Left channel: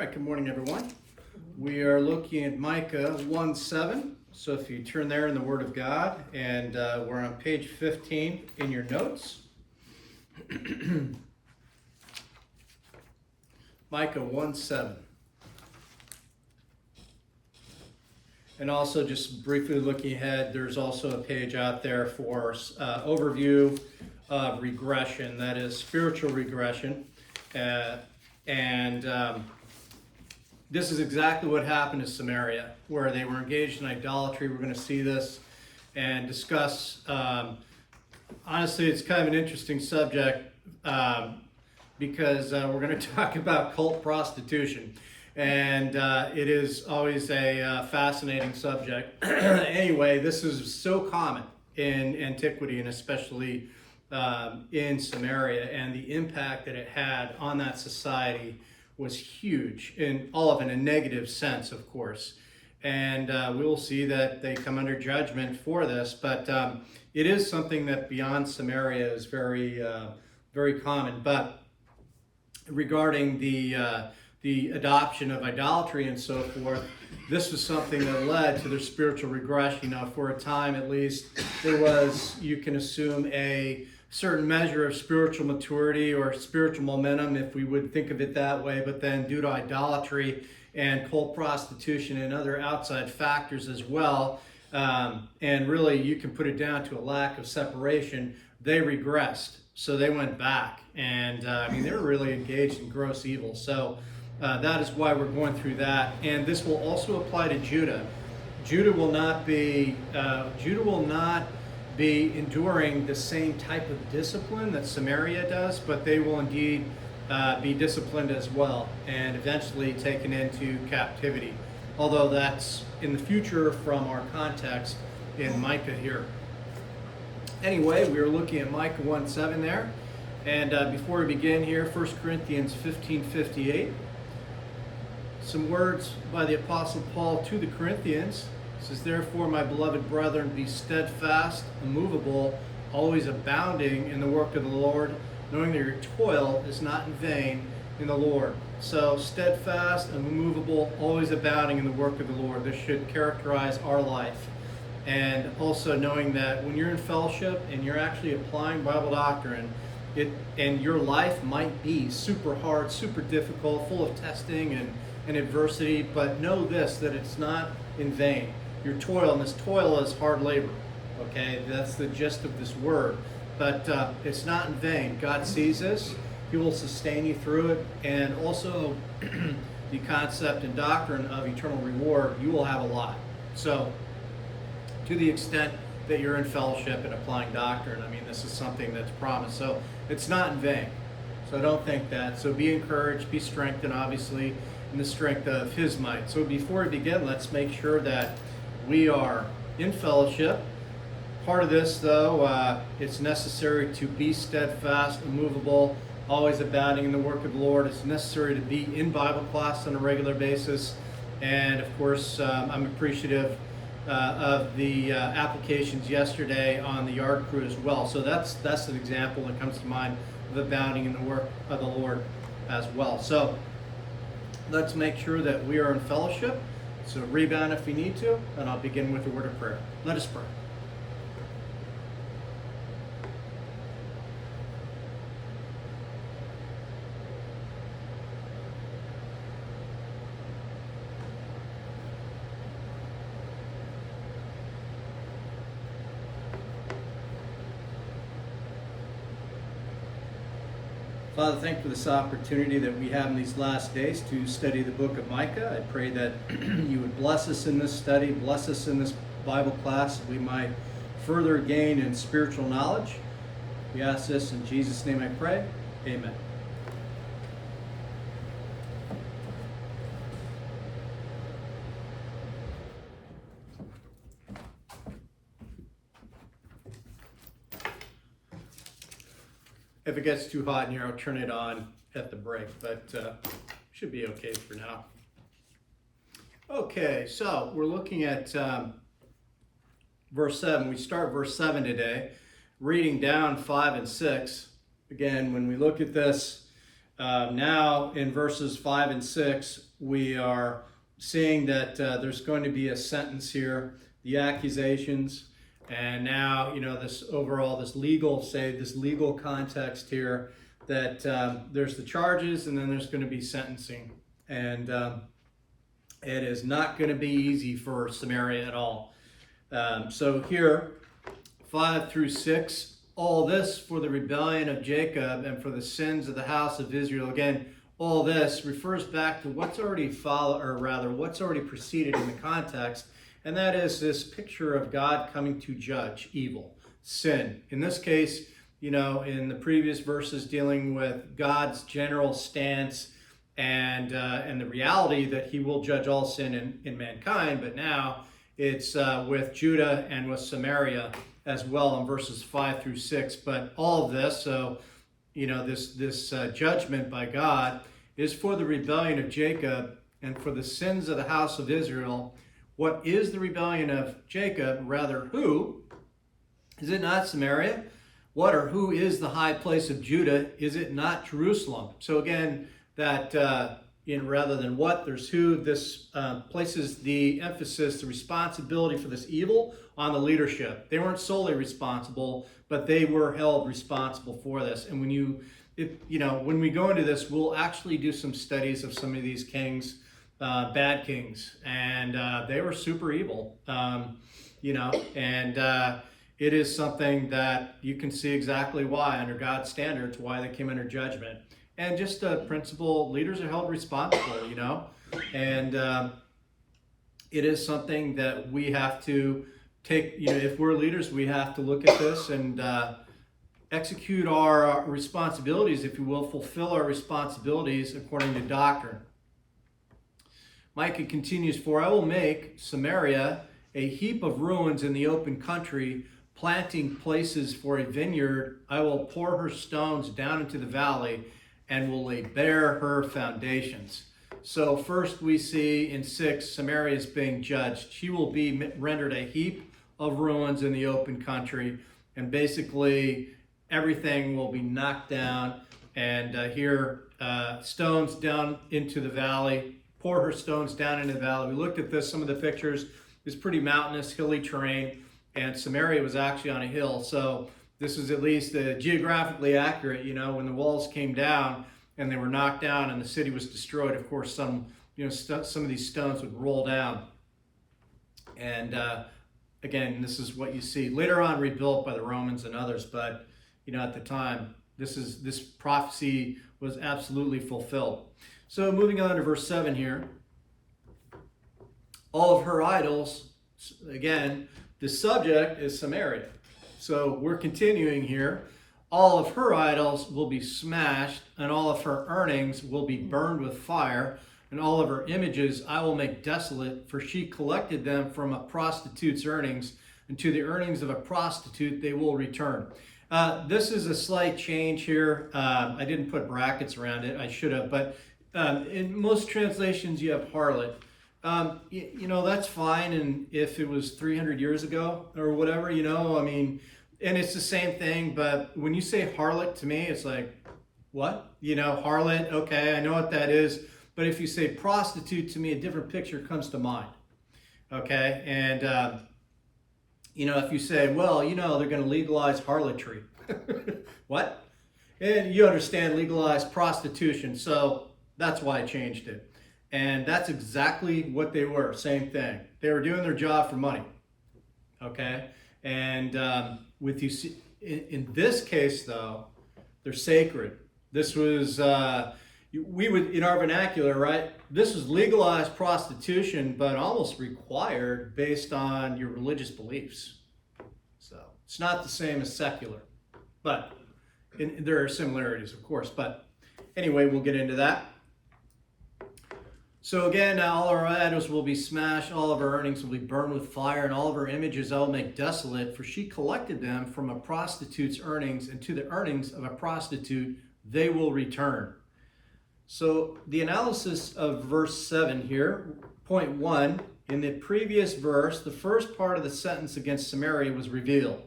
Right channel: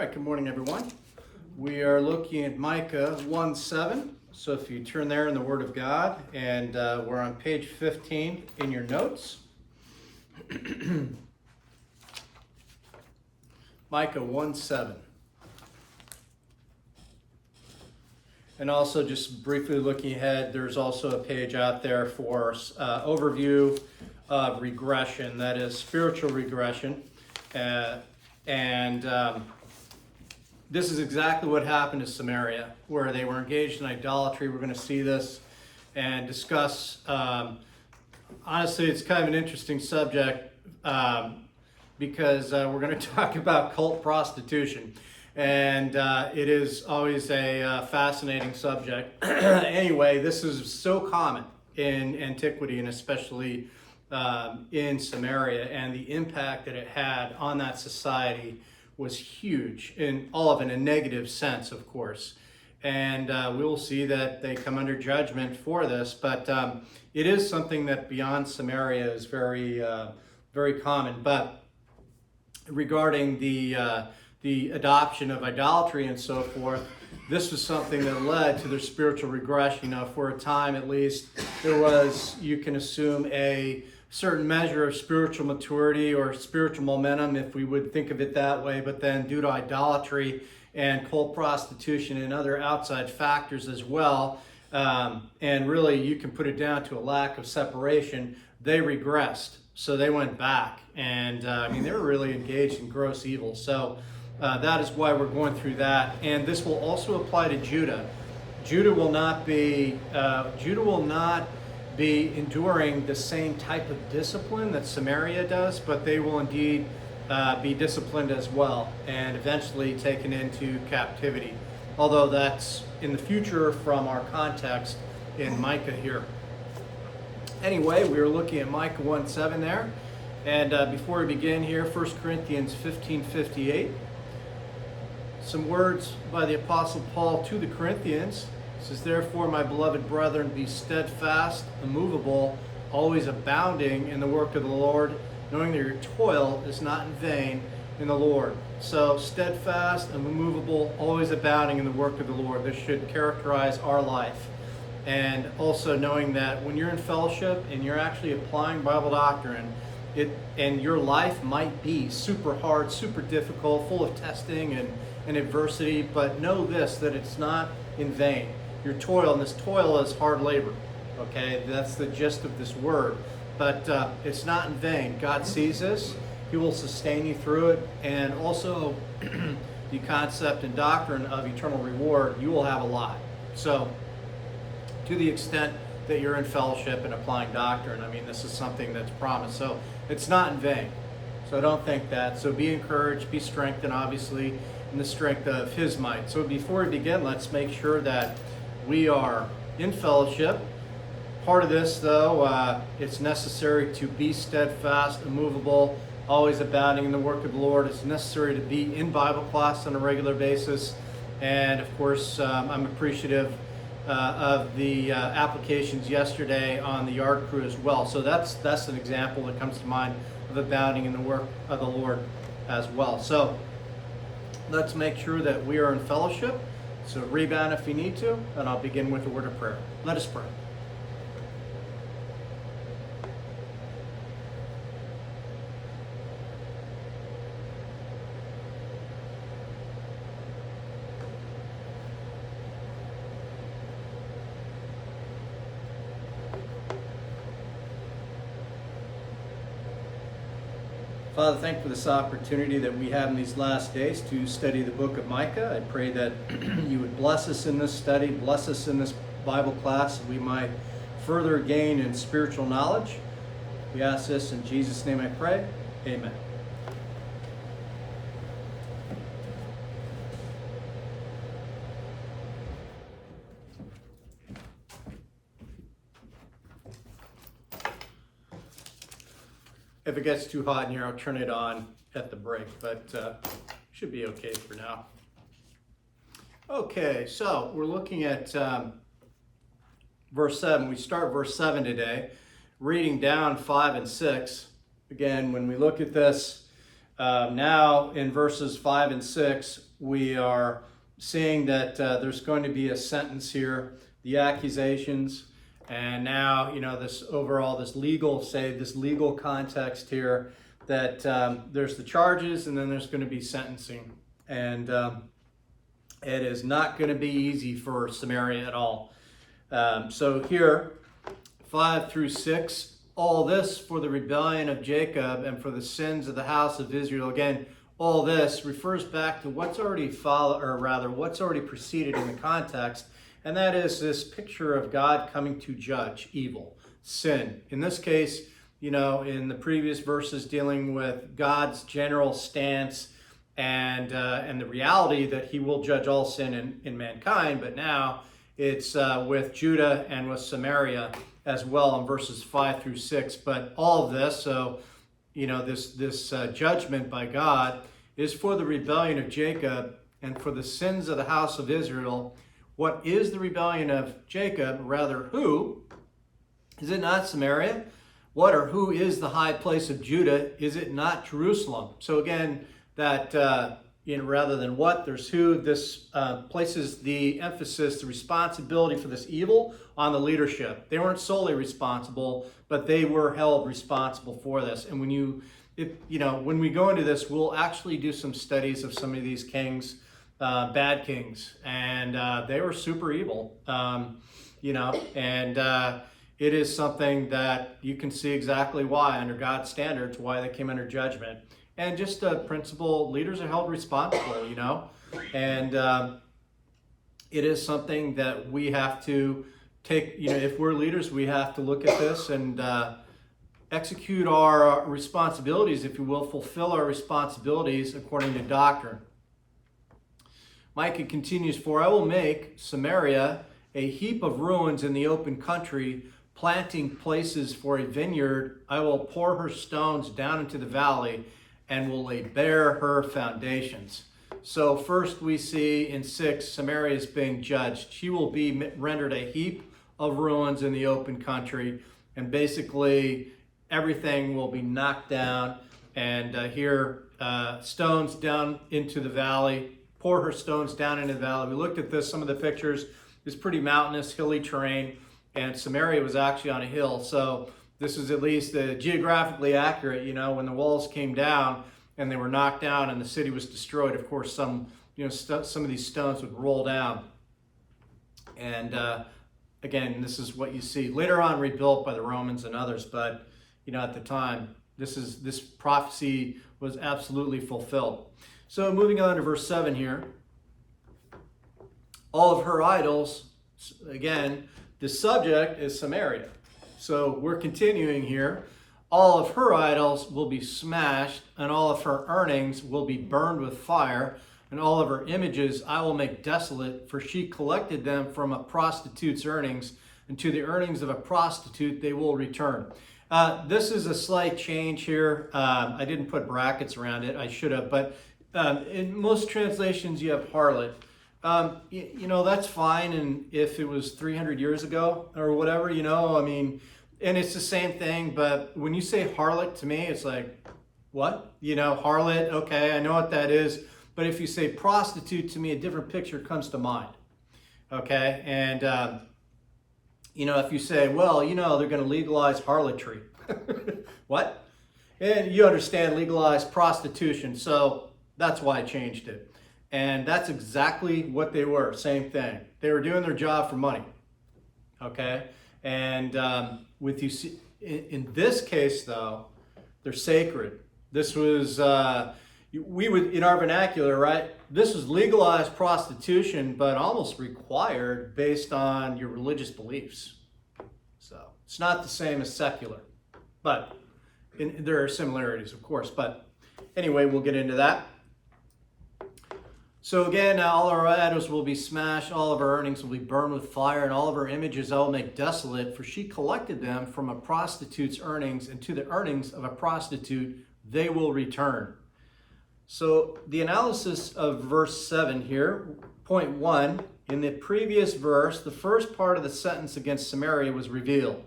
right, good morning, everyone. We are looking at Micah 1:7. So if you turn there in the Word of God, and we're on page 15 in your notes. Micah 1:7. And also, just briefly looking ahead, there's also a page out there for overview of regression, that is spiritual regression. This is exactly what happened in Samaria, where they were engaged in idolatry. We're going to see this and discuss. Honestly, it's kind of an interesting subject because we're going to talk about cult prostitution. And it is always a fascinating subject. Anyway, this is so common in antiquity, and especially in Samaria, and the impact that it had on that society was huge, in all of it in a negative sense, of course. And we will see that they come under judgment for this, but it is something that beyond Samaria is very, very common. But regarding the adoption of idolatry and so forth, this was something that led to their spiritual regression. Now, for a time at least, there was, you can assume, a certain measure of spiritual maturity or spiritual momentum, if we would think of it that way, but then due to idolatry and cult prostitution and other outside factors as well, and really you can put it down to a lack of separation, they regressed. So they went back, and they were really engaged in gross evil. So that is why we're going through that. And this will also apply to Judah. Judah will not be enduring the same type of discipline that Samaria does, but they will indeed be disciplined as well and eventually taken into captivity. Although that's in the future from our context in Micah here. Anyway, we are looking at Micah 1:7 there. And before we begin here, 1 Corinthians 15:58. Some words by the Apostle Paul to the Corinthians. It says, "Therefore, my beloved brethren, be steadfast, immovable, always abounding in the work of the Lord, knowing that your toil is not in vain in the Lord." So, steadfast and immovable, always abounding in the work of the Lord. This should characterize our life. And also knowing that when you're in fellowship and you're actually applying Bible doctrine, and your life might be super hard, super difficult, full of testing and adversity, but know this, that it's not in vain. Your toil, and this toil is hard labor, okay? That's the gist of this word. But it's not in vain. God sees this. He will sustain you through it. And also the concept and doctrine of eternal reward, you will have a lot. So to the extent that you're in fellowship and applying doctrine, this is something that's promised. So it's not in vain. So don't think that. So be encouraged, be strengthened, obviously, in the strength of His might. So before we begin, let's make sure that we are in fellowship. Part of this, though, it's necessary to be steadfast, immovable, always abounding in the work of the Lord. It's necessary to be in Bible class on a regular basis. And of course, I'm appreciative of the applications yesterday on the yard crew as well. So that's an example that comes to mind of abounding in the work of the Lord as well. So let's make sure that we are in fellowship. So rebound if you need to, and I'll begin with a word of prayer. Let us pray. Father, thank you for this opportunity that we have in these last days to study the book of Micah. I pray that you would bless us in this study, bless us in this Bible class, that we might further gain in spiritual knowledge. We ask this in Jesus' name I pray. Amen. If it gets too hot in here, I'll turn it on at the break, but should be okay for now. Okay, so we're looking at verse 7. We start verse 7 today, reading down 5 and 6. Again, when we look at this now in verses 5 and 6, we are seeing that there's going to be a sentence here, the accusations, and now, this overall, this legal context here, that there's the charges and then there's going to be sentencing. And it is not going to be easy for Samaria at all. So here, 5 through 6, all this for the rebellion of Jacob and for the sins of the house of Israel. Again, all this refers back to what's already what's already preceded in the context, and that is this picture of God coming to judge evil, sin. In this case, in the previous verses dealing with God's general stance and the reality that he will judge all sin in mankind, but now it's with Judah and with Samaria as well in verses 5 through 6. But all of this, this judgment by God is for the rebellion of Jacob and for the sins of the house of Israel. What is the rebellion of Jacob? Rather, who? Is it not Samaria? What or who is the high place of Judah? Is it not Jerusalem? So again, that rather than what, there's who. This places the emphasis, the responsibility for this evil on the leadership. They weren't solely responsible, but they were held responsible for this. And when we go into this, we'll actually do some studies of some of these kings, bad kings, and they were super evil, and it is something that you can see exactly why, under God's standards, why they came under judgment. And just principle, leaders are held responsible, and it is something that we have to take, if we're leaders, we have to look at this and execute our responsibilities, if you will, fulfill our responsibilities according to doctrine. Micah continues, "For I will make Samaria a heap of ruins in the open country, planting places for a vineyard. I will pour her stones down into the valley and will lay bare her foundations." So first we see in 6, Samaria is being judged. She will be rendered a heap of ruins in the open country, and basically everything will be knocked down, and stones down into the valley, pour her stones down into the valley. We looked at this, some of the pictures. It was pretty mountainous, hilly terrain, and Samaria was actually on a hill. So this is at least geographically accurate. When the walls came down and they were knocked down and the city was destroyed, of course, some of these stones would roll down. And again, this is what you see. Later on rebuilt by the Romans and others, but at the time, this prophecy was absolutely fulfilled. So moving on to verse 7 here. All of her idols, again, the subject is Samaria. So we're continuing here. All of her idols will be smashed, and all of her earnings will be burned with fire, and all of her images I will make desolate, for she collected them from a prostitute's earnings, and to the earnings of a prostitute they will return. This is a slight change here. I didn't put brackets around it. I should have, but in most translations you have harlot. That's fine, and if it was 300 years ago or whatever, and it's the same thing, but when you say harlot to me, it's like, what? Harlot, okay, I know what that is, but if you say prostitute to me, a different picture comes to mind, okay? And, if you say, well, they're going to legalize harlotry. What? And you understand legalized prostitution, so that's why I changed it. And that's exactly what they were, same thing. They were doing their job for money, okay? And in this case, though, they're sacred. This was, we would, in our vernacular, right? This was legalized prostitution, but almost required based on your religious beliefs. So it's not the same as secular, but there are similarities, of course. But anyway, we'll get into that. So again, all our idols will be smashed, all of our earnings will be burned with fire, and all of our images I will make desolate, for she collected them from a prostitute's earnings, and to the earnings of a prostitute they will return. So the analysis of verse 7 here, point 1, in the previous verse, the first part of the sentence against Samaria was revealed.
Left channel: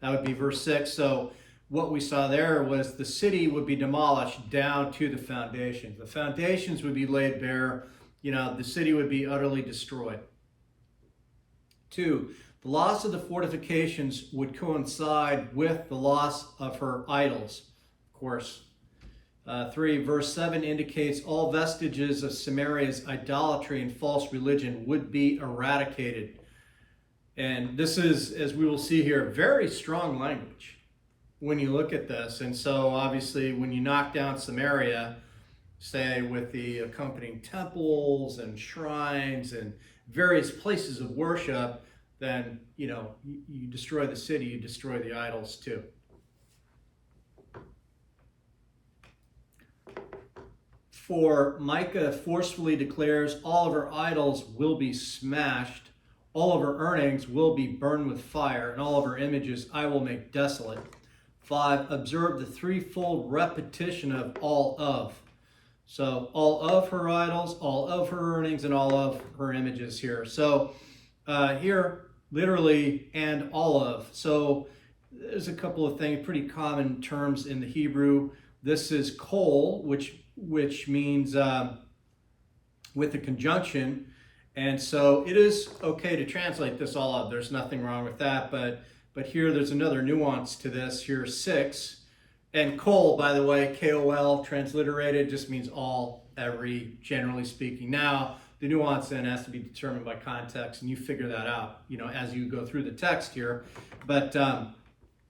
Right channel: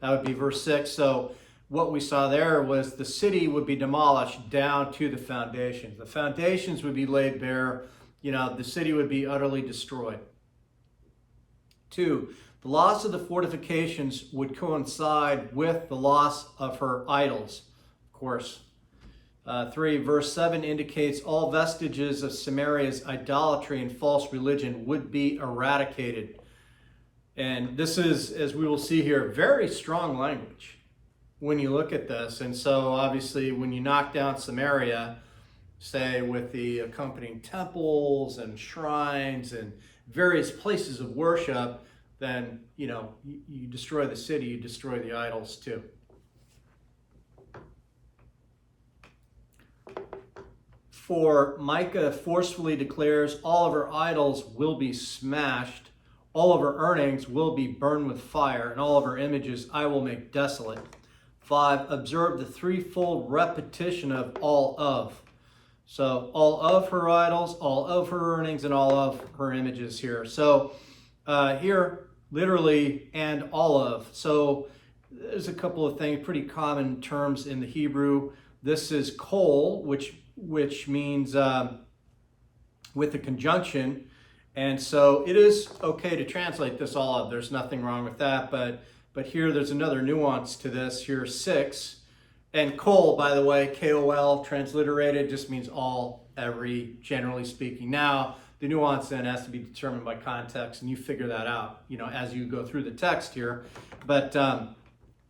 That would be verse 6. So what we saw there was the city would be demolished down to the foundations. The foundations would be laid bare. the city would be utterly destroyed. 2, the loss of the fortifications would coincide with the loss of her idols, of course. 3, verse 7 indicates all vestiges of Samaria's idolatry and false religion would be eradicated. And this is, as we will see here, very strong language when you look at this. And so obviously when you knock down Samaria, say with the accompanying temples and shrines and various places of worship, then, you destroy the city, you destroy the idols too. For Micah forcefully declares all of her idols will be smashed, all of her earnings will be burned with fire, and all of her images I will make desolate. 5, observe the threefold repetition of all of. So all of her idols, all of her earnings, and all of her images here. So here, literally, and all of. So there's a couple of things, pretty common terms in the Hebrew. This is kol, which means with a conjunction. And so it is okay to translate this all of. There's nothing wrong with that. But here there's another nuance to this. Here's 6. And kol, by the way, K-O-L, transliterated, just means all, every, generally speaking. Now, the nuance then has to be determined by context, and you figure that out, as you go through the text here. But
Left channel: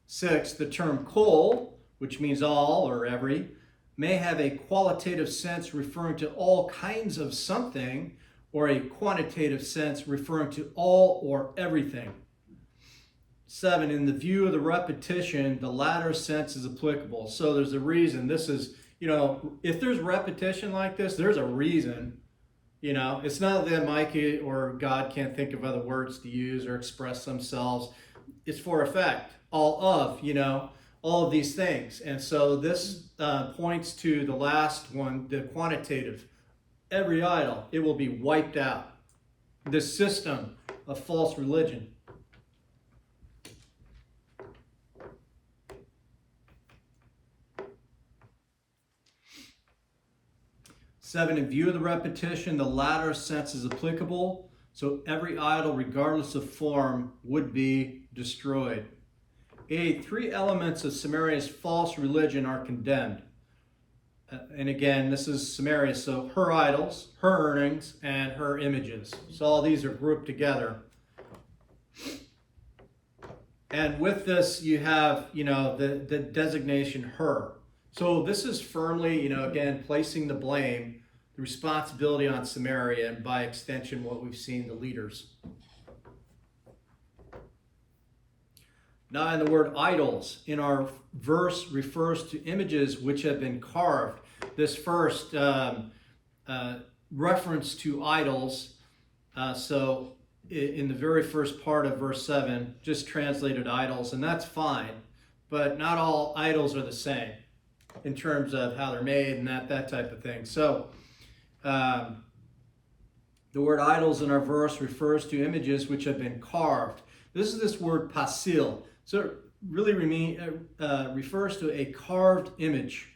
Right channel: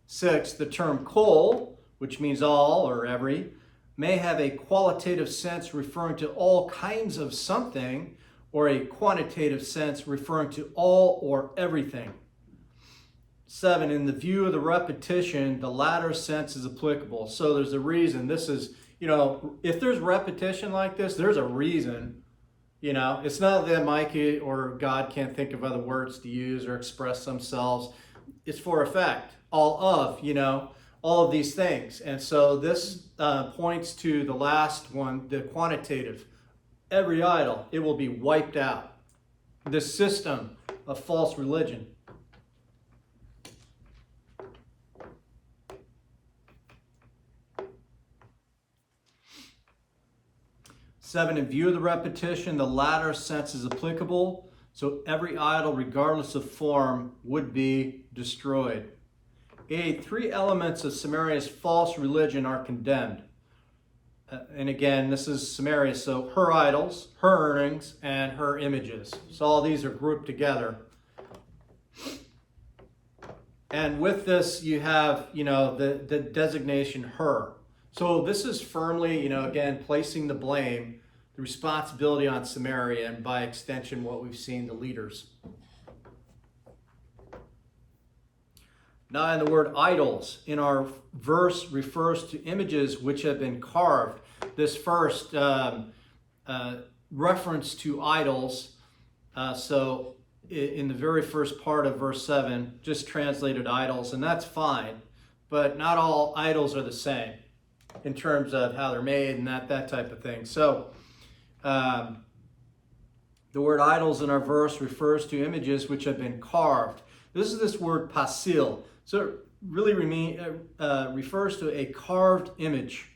6, the term kol, which means all or every, may have a qualitative sense referring to all kinds of something, or a quantitative sense referring to all or everything. 7, in the view of the repetition, the latter sense is applicable. So there's a reason. This is, if there's repetition like this, there's a reason. It's not that Micah or God can't think of other words to use or express themselves. It's for effect. All of these things. And so this points to the last one, the quantitative. Every idol, it will be wiped out. This system of false religion. 7, in view of the repetition, the latter sense is applicable. So every idol, regardless of form, would be destroyed. 8, 3 elements of Samaria's false religion are condemned. And again, this is Samaria, so her idols, her earnings, and her images. So all these are grouped together. And with this, you have, the designation her. So this is firmly, again, placing the blame, the responsibility on Samaria, and by extension, what we've seen, the leaders. 9, the word idols in our verse refers to images which have been carved. This first reference to idols, so in the very first part of verse 7, just translated idols, and that's fine, but not all idols are the same in terms of how they're made and that type of thing. So the word idols in our verse refers to images which have been carved. This is this word pasil. So it really refers to a carved image.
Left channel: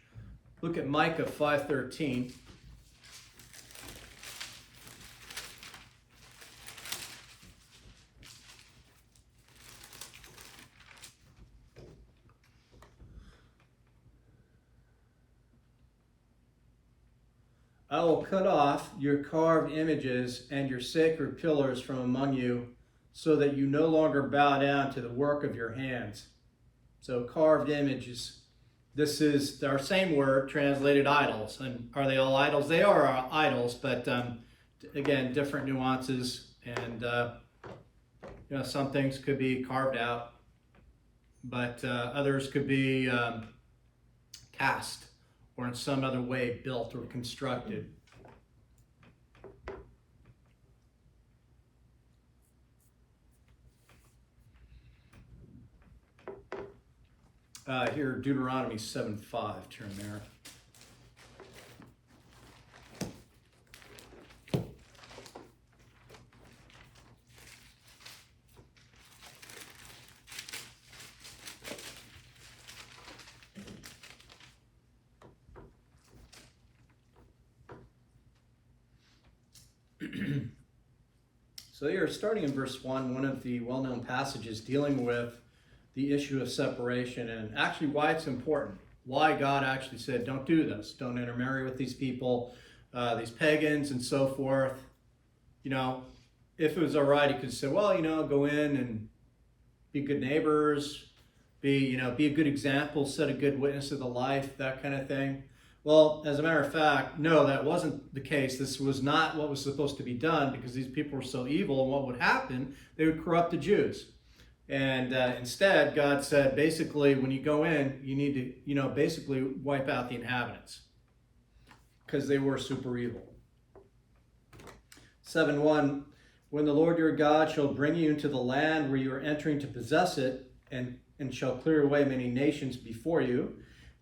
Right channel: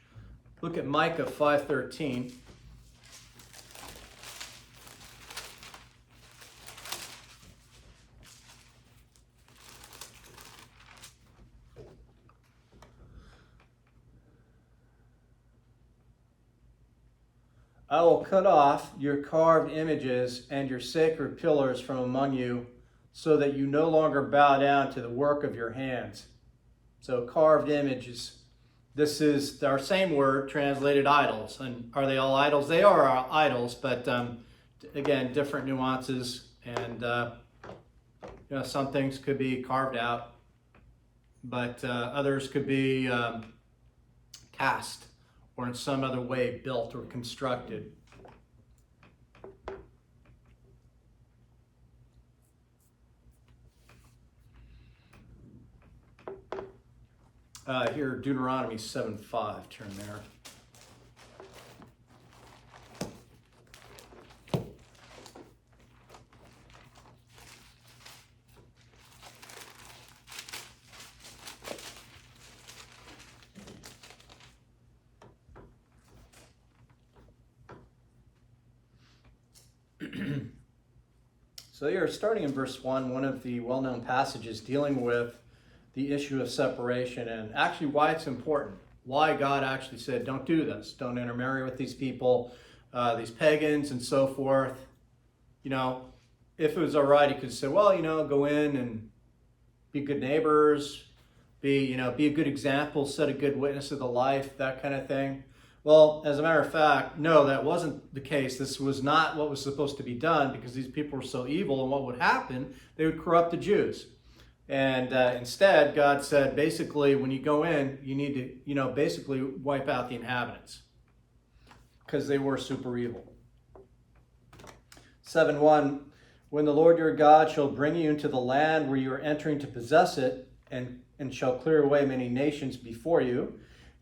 Look at Micah 5:13. I will cut off your carved images and your sacred pillars from among you, so that you no longer bow down to the work of your hands. So carved images. This is our same word translated idols. And are they all idols? They are idols, but again, different nuances. And some things could be carved out, but others could be cast or in some other way built or constructed. Here, Deuteronomy 7:5, turn there. So you're starting in verse 1, one of the well-known passages dealing with the issue of separation and actually why it's important. Why God actually said, don't do this. Don't intermarry with these people, these pagans and so forth. You know, if it was all right, he could say, well, you know, go in and be good neighbors, be a good example, set a good witness of the life, that kind of thing. Well, as a matter of fact, no, that wasn't the case. This was not what was supposed to be done because these people were so evil. And what would happen? They would corrupt the Jews. And instead, God said, basically, when you go in, you need to, you know, basically wipe out the inhabitants because they were super evil. 7:1, when the Lord your God shall bring you into the land where you are entering to possess it, and shall clear away many nations before you,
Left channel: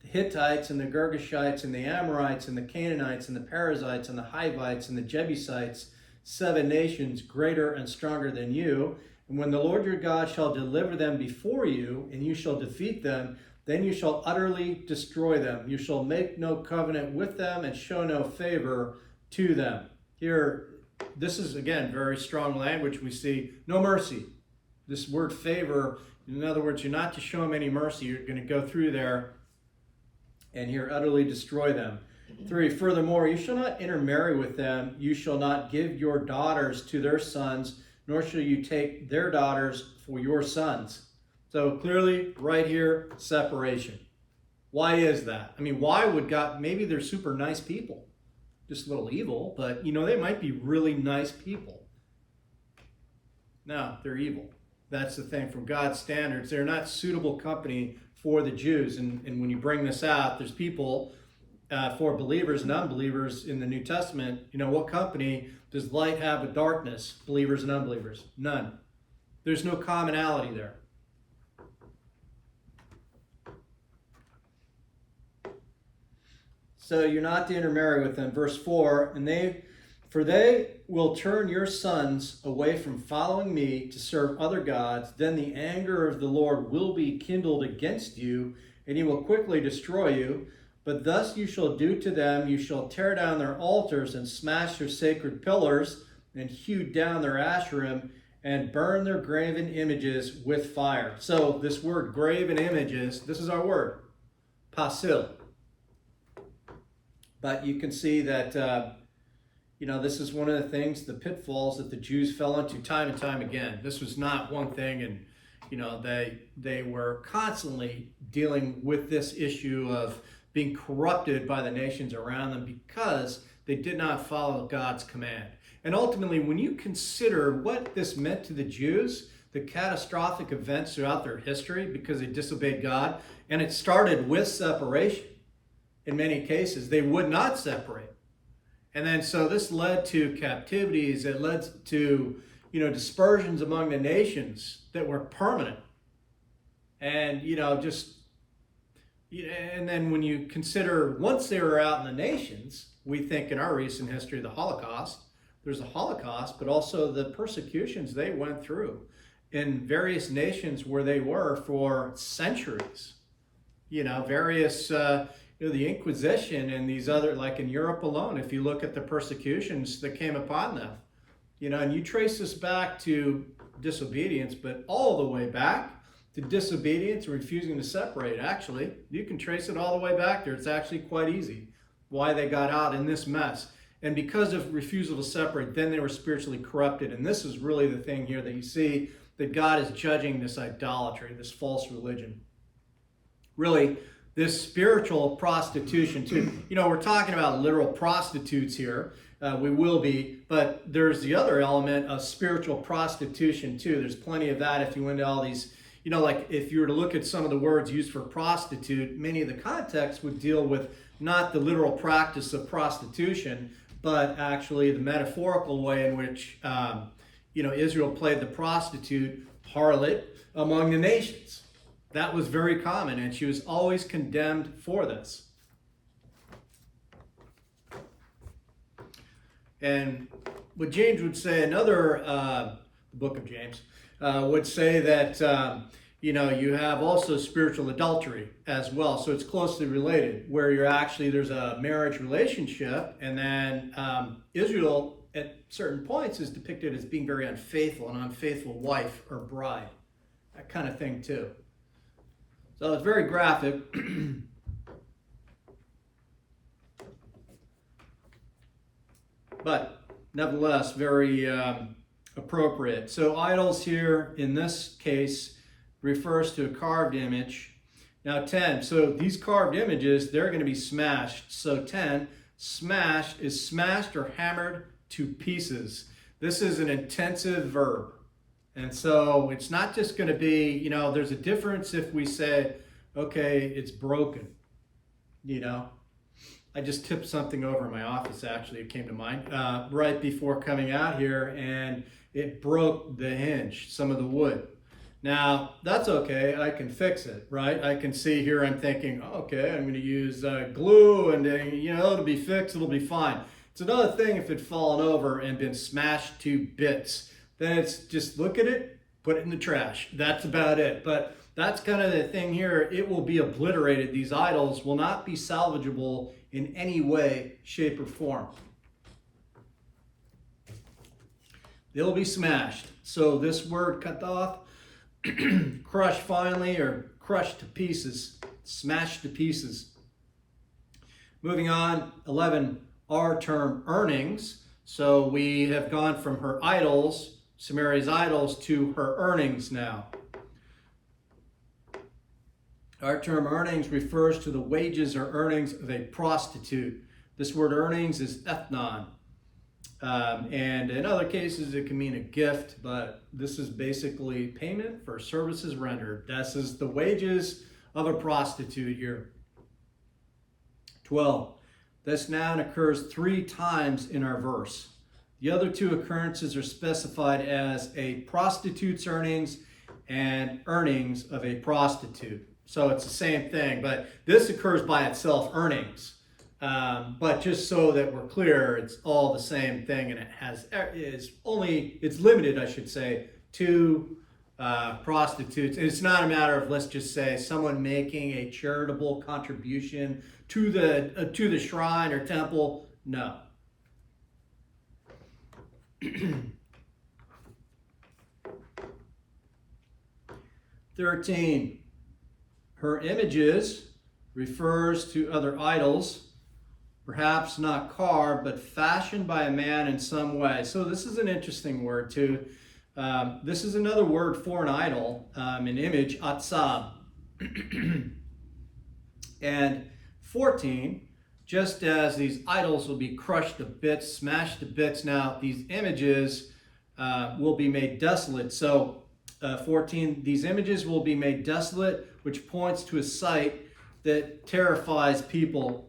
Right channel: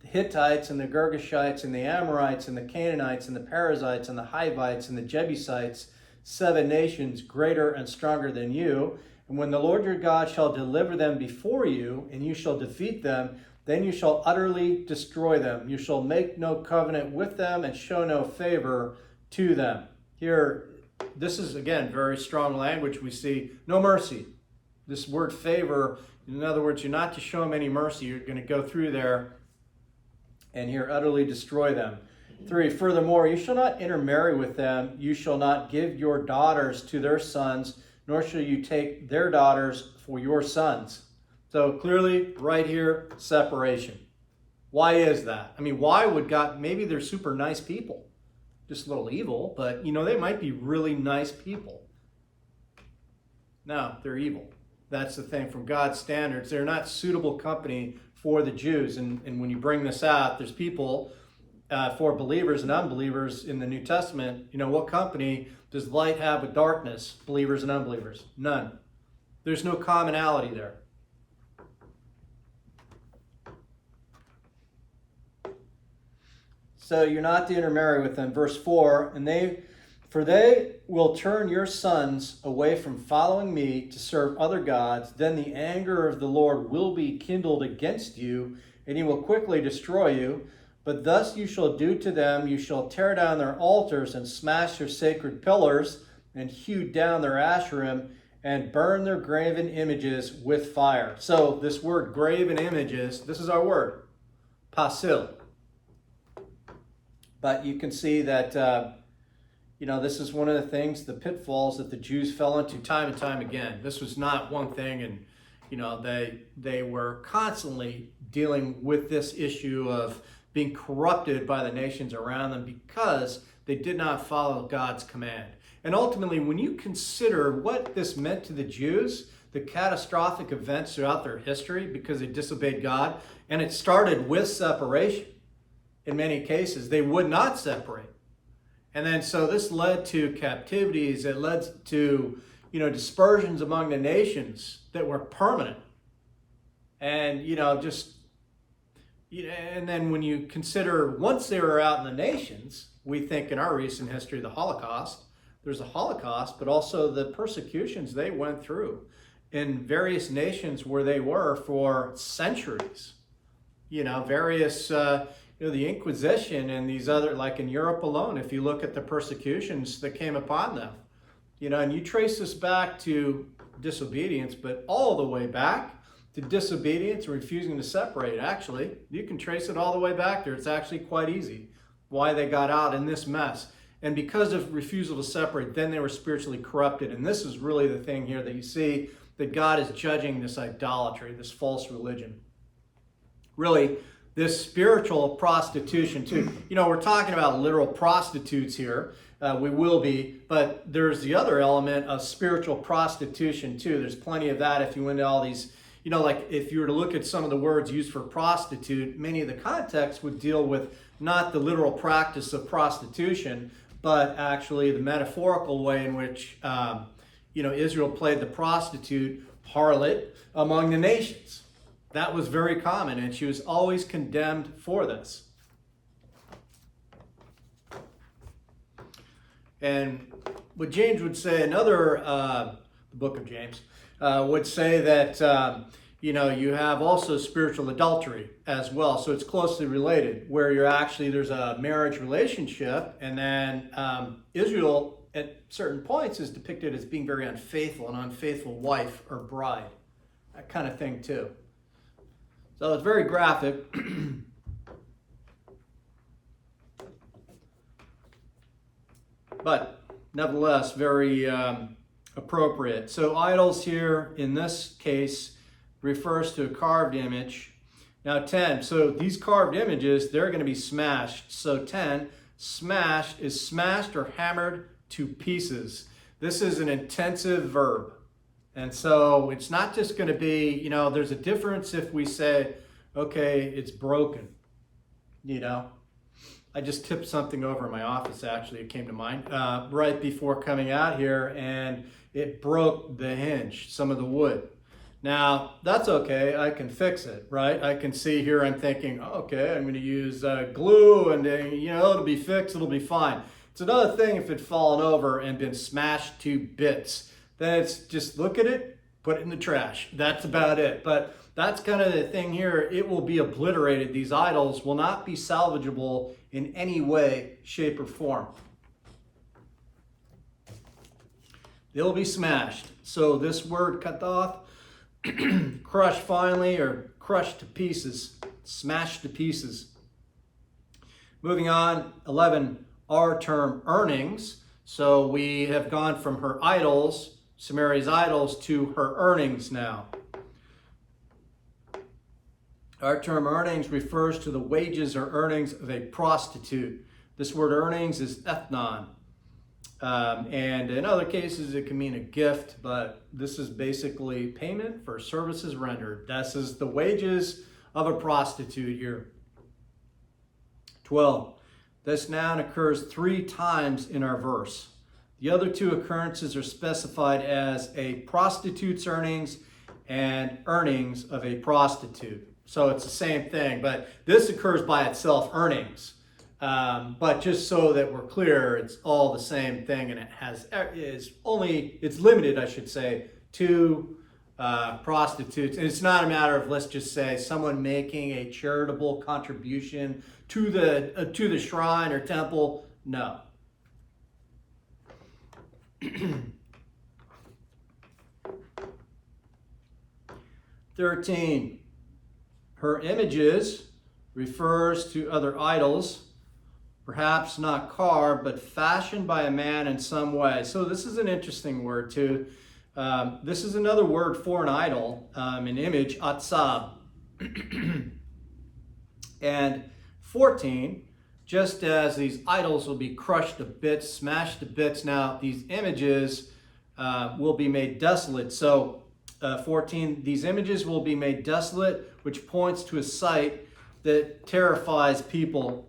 the Hittites and the Girgashites and the Amorites and the Canaanites and the Perizzites and the Hivites and the Jebusites, 7 nations greater and stronger than you. And when the Lord your God shall deliver them before you, and you shall defeat them, then you shall utterly destroy them. You shall make no covenant with them and show no favor to them. Here, this is, again, very strong language. We see no mercy. This word favor, in other words, you're not to show them any mercy. You're going to go through there and here utterly destroy them. 3, furthermore, you shall not intermarry with them. You shall not give your daughters to their sons, nor shall you take their daughters for your sons. So clearly, right here, separation. Why is that? I mean, why would God, maybe they're super nice people, just a little evil, but, you know, they might be really nice people. No, they're evil. That's the thing. From God's standards, they're not suitable company for the Jews. And when you bring this out, there's people, for believers and unbelievers in the New Testament, you know, what company does light have with darkness, believers and unbelievers? None. There's no commonality there. So you're not to intermarry with them. Verse 4, for they will turn your sons away from following me to serve other gods. Then the anger of the Lord will be kindled against you, and he will quickly destroy you. But thus you shall do to them, you shall tear down their altars and smash their sacred pillars and hew down their asherim and burn their graven images with fire. So this word graven images, this is our word, pasil. But you can see that, this is one of the things, the pitfalls that the Jews fell into time and time again. This was not one thing, and, you know, they were constantly dealing with this issue of being corrupted by the nations around them because they did not follow God's command. And ultimately, when you consider what this meant to the Jews, the catastrophic events throughout their history because they disobeyed God, and it started with separation. In many cases, they would not separate. And then so this led to captivities, it led to, dispersions among the nations that were permanent. And, and then when you consider once they were out in the nations, we think in our recent history, the Holocaust, there's a Holocaust, but also the persecutions they went through in various nations where they were for centuries. Various, the Inquisition and these other, like in Europe alone, if you look at the persecutions that came upon them, and you trace this back to disobedience, but all the way back to disobedience and refusing to separate. Actually, you can trace it all the way back there. It's actually quite easy why they got out in this mess. And because of refusal to separate, then they were spiritually corrupted. And this is really the thing here that you see, that God is judging this idolatry, this false religion. Really, this spiritual prostitution too. We're talking about literal prostitutes here. We will be, but there's the other element of spiritual prostitution too. There's plenty of that if you went into all these, like if you were to look at some of the words used for prostitute, many of the contexts would deal with not the literal practice of prostitution, but actually the metaphorical way in which, Israel played the prostitute, harlot, among the nations. That was very common, and she was always condemned for this. And what James would say, the book of James, would say that, you have also spiritual adultery as well. So it's closely related, where there's a marriage relationship, and then Israel at certain points is depicted as being very unfaithful, an unfaithful wife or bride, that kind of thing too. So it's very graphic. But nevertheless, very appropriate. So idols here in this case refers to a carved image. Now 10, so these carved images, they're going to be smashed. So 10, smash is smashed or hammered to pieces. This is an intensive verb. And so it's not just going to be, you know, there's a difference if we say, okay, it's broken, you know. I just tipped something over in my office, actually, it came to mind, right before coming out here, and it broke the hinge, some of the wood. Now, that's okay, I can fix it, right? I can see here, I'm thinking, okay, I'm gonna use glue, and you know, it'll be fixed, it'll be fine. It's another thing if it'd fallen over and been smashed to bits. Then it's just look at it, put it in the trash. That's about it. But that's kind of the thing here. It will be obliterated. These idols will not be salvageable in any way, shape, or form. They'll be smashed. So this word cut off, crushed finely, or crushed to pieces, smashed to pieces. Moving on, 11, our term earnings. So we have gone from her idols, Samaria's idols, to her earnings now. Our term earnings refers to the wages or earnings of a prostitute. This word earnings is ethnon. And in other cases, it can mean a gift, but this is basically payment for services rendered. This is the wages of a prostitute here. 12. This noun occurs 3 times in our verse. The other 2 occurrences are specified as a prostitute's earnings and earnings of a prostitute. So it's the same thing, but this occurs by itself, earnings. But just so that we're clear, it's all the same thing, and it's limited, I should say, to prostitutes. And it's not a matter of, let's just say, someone making a charitable contribution to the shrine or temple. No. 13. Her images refers to other idols, perhaps not carved, but fashioned by a man in some way. So this is an interesting word too. This is another word for an idol, an image, atzab. And 14, just as these idols will be crushed to bits, smashed to bits, now these images will be made desolate. So 14, these images will be made desolate, which points to a sight that terrifies people.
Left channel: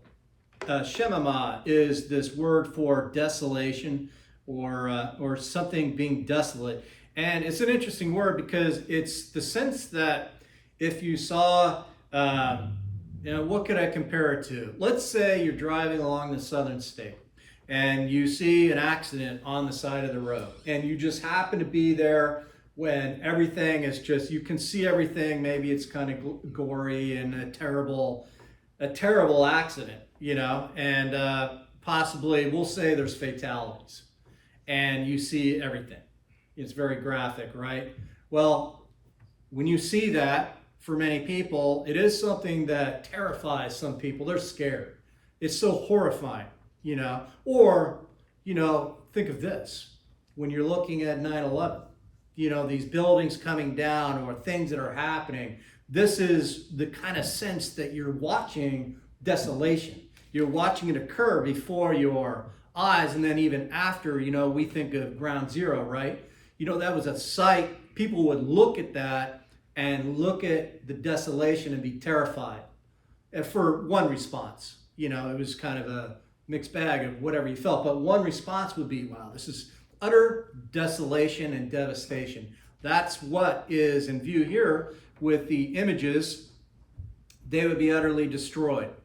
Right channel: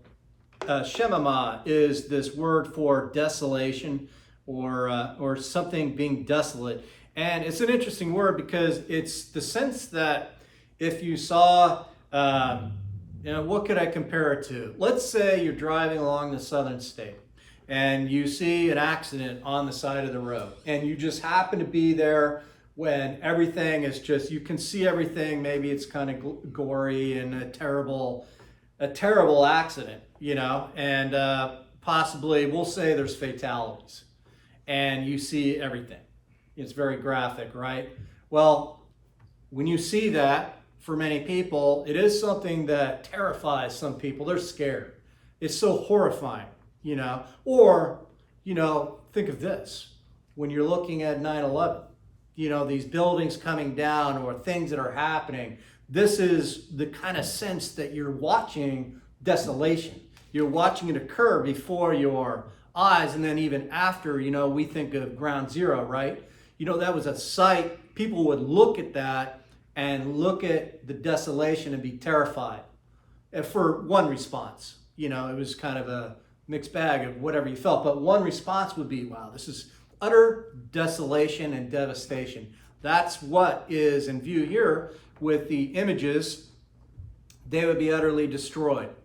Shemama is this word for desolation or something being desolate. And it's an interesting word because it's the sense that if you saw, what could I compare it to? Let's say you're driving along the southern state and you see an accident on the side of the road and you just happen to be there when everything is just, you can see everything, maybe it's kind of gory and a terrible accident, and possibly, we'll say there's fatalities, and you see everything. It's very graphic, right? Well, when you see that, for many people, it is something that terrifies some people. They're scared. It's so horrifying, Or, think of this. When you're looking at 9/11, these buildings coming down or things that are happening, this is the kind of sense that you're watching desolation. You're watching it occur before your eyes, and then even after, we think of Ground Zero, right? That was a sight. People would look at that and look at the desolation and be terrified. And for one response, it was kind of a mixed bag of whatever you felt, but one response would be, wow, this is utter desolation and devastation. That's what is in view here with the images. They would be utterly destroyed.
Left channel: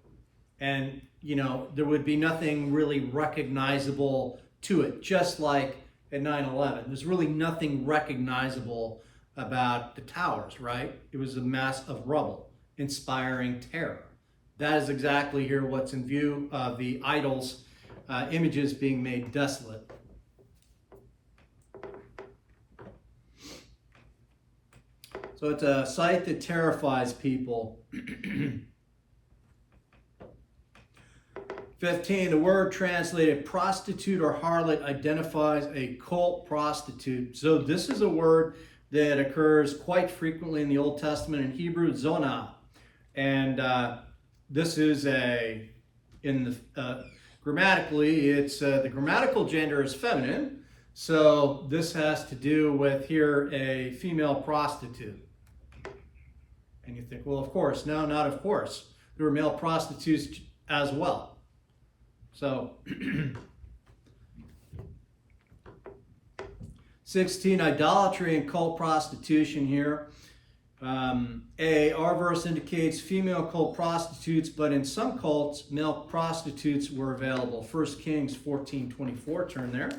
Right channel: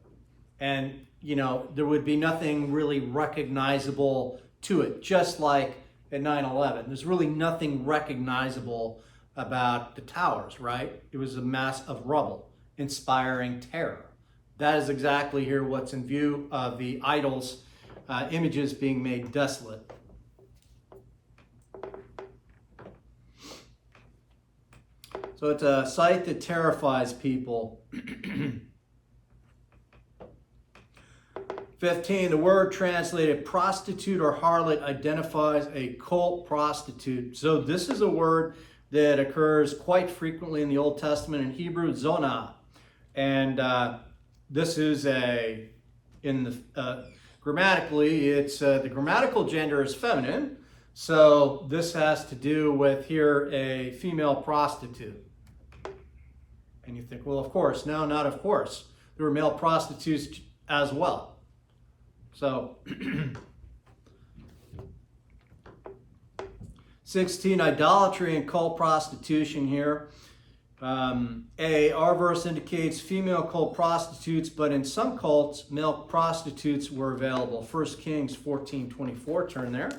And, there would be nothing really recognizable to it, just like at 9/11. There's really nothing recognizable about the towers, right? It was a mass of rubble, inspiring terror. That is exactly here what's in view of the idols, images being made desolate. So it's a sight that terrifies people. 15, the word translated prostitute or harlot identifies a cult prostitute. So this is a word that occurs quite frequently in the Old Testament in Hebrew, zonah. And this is grammatically, it's the grammatical gender is feminine. So this has to do with here a female prostitute. And you think, well, of course. No, not of course. There were male prostitutes as well. So, 16, idolatry and cult prostitution here. Our verse indicates female cult prostitutes, but in some cults, male prostitutes were available. 1 Kings 14:24, turn there.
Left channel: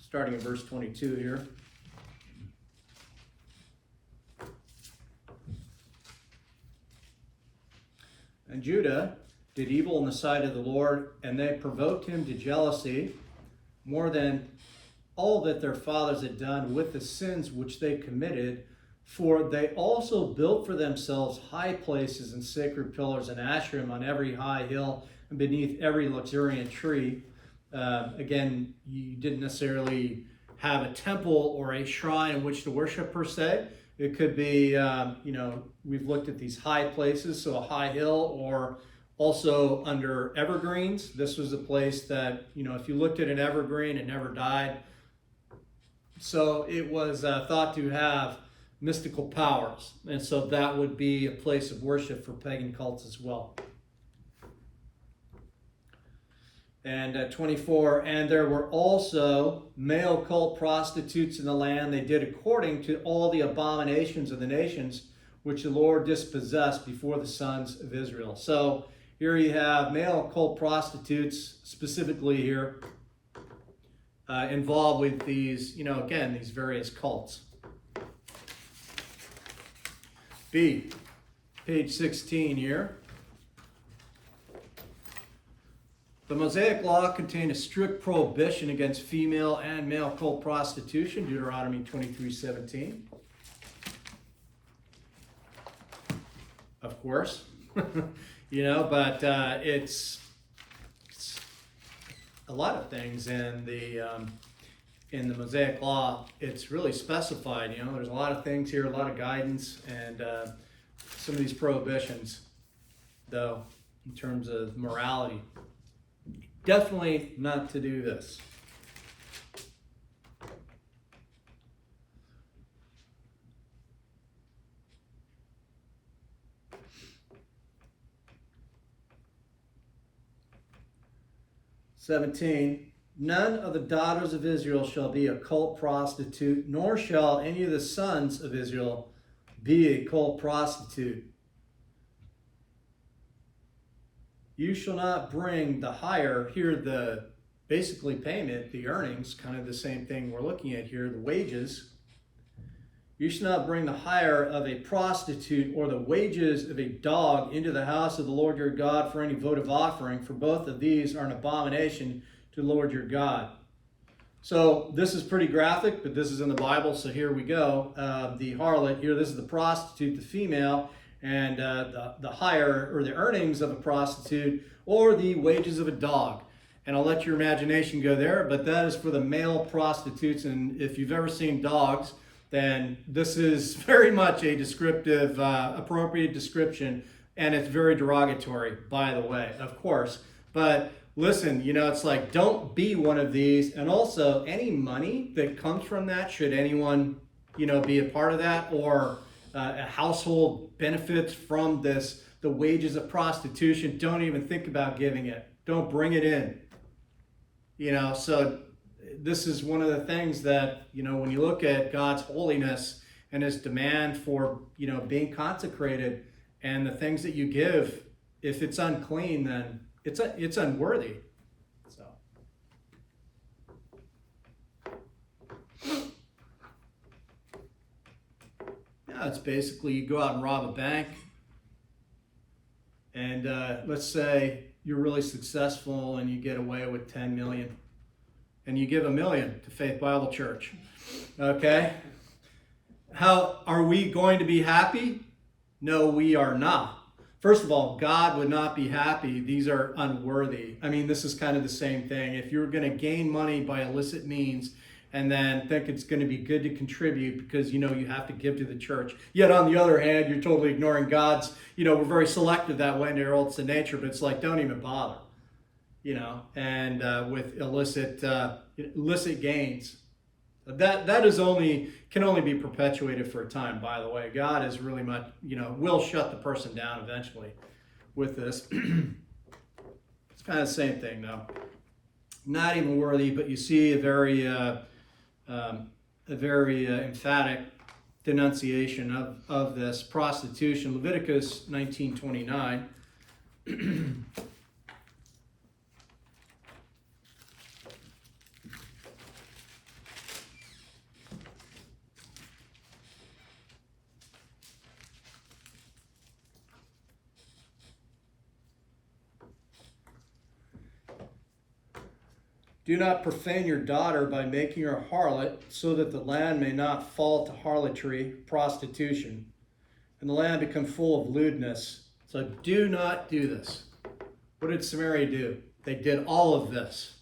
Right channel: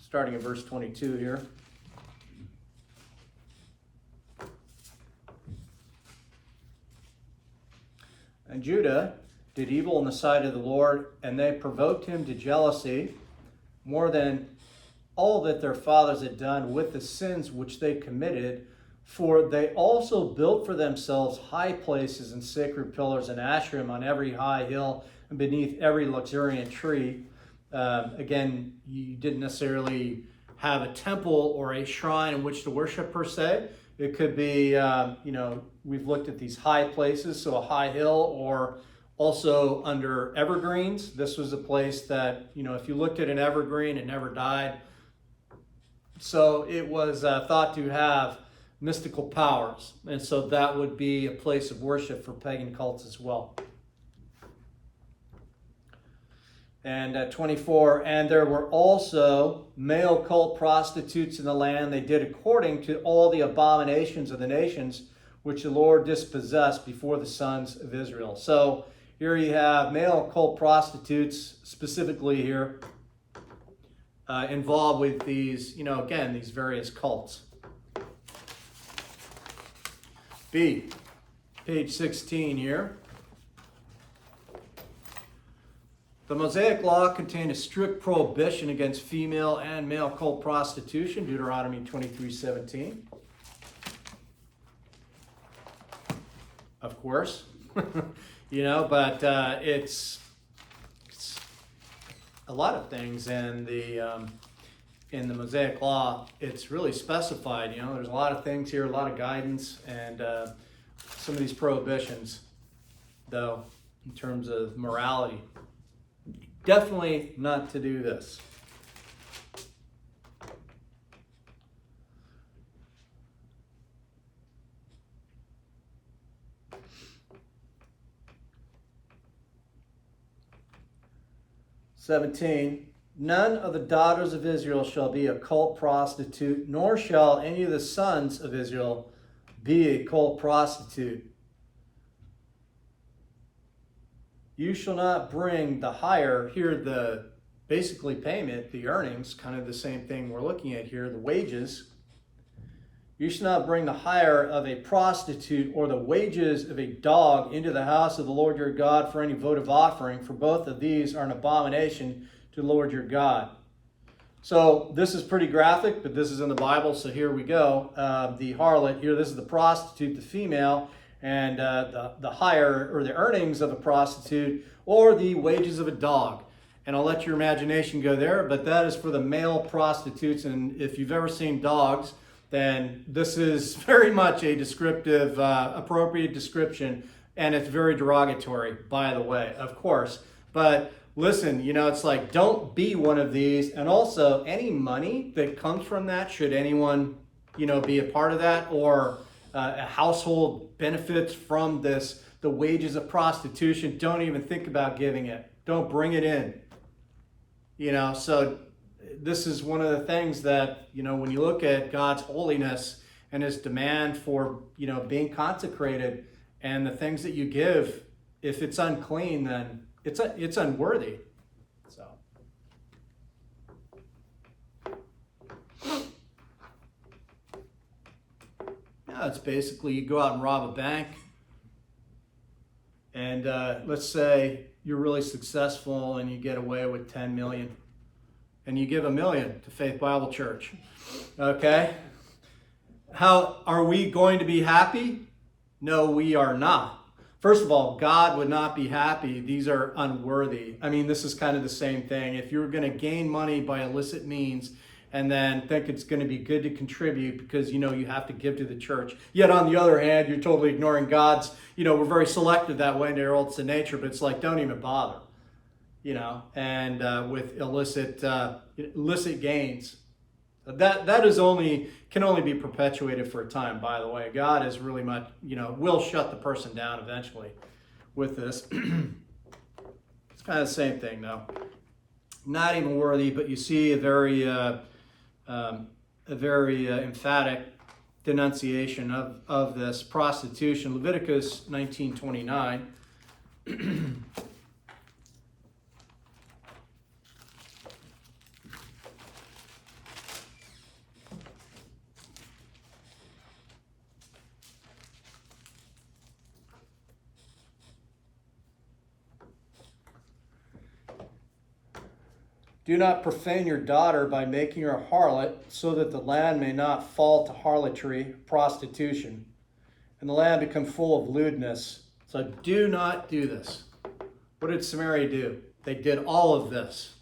Starting in verse 22 here. And Judah did evil in the sight of the Lord, and they provoked him to jealousy more than all that their fathers had done with the sins which they committed. For they also built for themselves high places and sacred pillars and Asherim on every high hill and beneath every luxuriant tree. Again, you didn't necessarily have a temple or a shrine in which to worship per se. It could be, we've looked at these high places, so a high hill, or also under evergreens. This was a place that, if you looked at an evergreen, it never died. So it was thought to have mystical powers. And so that would be a place of worship for pagan cults as well. And 24, and there were also male cult prostitutes in the land. They did according to all the abominations of the nations which the Lord dispossessed before the sons of Israel. So here you have male cult prostitutes, specifically here, involved with these, again, these various cults. B, page 16 here. The Mosaic Law contained a strict prohibition against female and male cult prostitution, Deuteronomy 23:17. Of course, but it's a lot of things in the Mosaic Law. It's really specified. There's a lot of things here, a lot of guidance, and some of these prohibitions, though, in terms of morality. Definitely not to do this. "17. None of the daughters of Israel shall be a cult prostitute, nor shall any of the sons of Israel be a cult prostitute. You shall not bring the hire," here the basically payment, the earnings, kind of the same thing we're looking at here, the wages. "You shall not bring the hire of a prostitute or the wages of a dog into the house of the Lord your God for any votive offering, for both of these are an abomination to the Lord your God." So this is pretty graphic, but this is in the Bible, so here we go. The harlot, here this is the prostitute, the female, and the hire or the earnings of a prostitute or the wages of a dog. And I'll let your imagination go there, but that is for the male prostitutes. And if you've ever seen dogs, then this is very much a descriptive, appropriate description, and it's very derogatory, by the way, of course. But listen, it's like, don't be one of these. And also, any money that comes from that, should anyone, be a part of that, or a household benefits from this, the wages of prostitution, don't even think about giving it. Don't bring it in. So this is one of the things that, when you look at God's holiness and his demand for, being consecrated, and the things that you give, if it's unclean, then it's unworthy. So. Yeah, it's basically you go out and rob a bank, And let's say you're really successful and you get away with 10 million, and you give $1 million to Faith Bible Church. Okay? How are we going to be happy? No, we are not. First of all, God would not be happy. These are unworthy. I mean, this is kind of the same thing. If you're going to gain money by illicit means and then think it's going to be good to contribute because, you have to give to the church. Yet on the other hand, you're totally ignoring God's, we're very selective that way in our old sin nature, but it's like, don't even bother, and with illicit gains. That is can only be perpetuated for a time, by the way. God is really much, will shut the person down eventually with this. It's kind of the same thing, though. Not even worthy, but you see a very emphatic denunciation of this prostitution. Leviticus 19:29. Do not profane your daughter by making her harlot, so that the land may not fall to harlotry, prostitution, and the land become full of lewdness. So do not do this. What did Samaria do? They did all of this.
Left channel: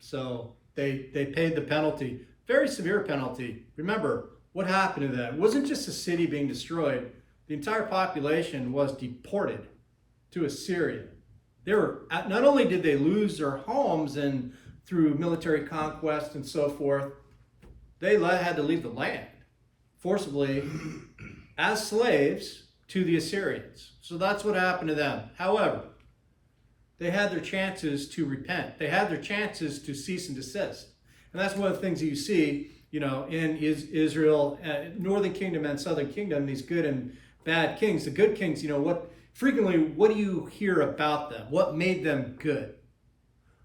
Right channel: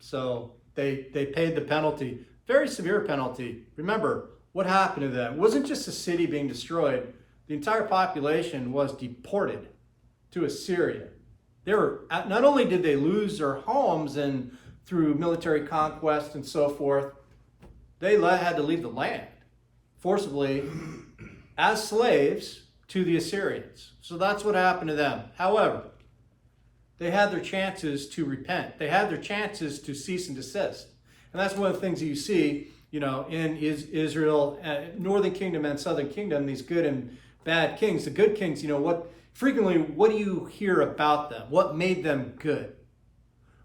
So they paid the penalty, very severe penalty. Remember, what happened to them? It wasn't just a city being destroyed. The entire population was deported to Assyria. Not only did they lose their homes and through military conquest and so forth, they had to leave the land forcibly as slaves to the Assyrians. So that's what happened to them. However, they had their chances to repent. They had their chances to cease and desist. And that's one of the things that you see, in Israel, Northern Kingdom and Southern Kingdom, these good and bad kings. The good kings, what do you hear about them? What made them good?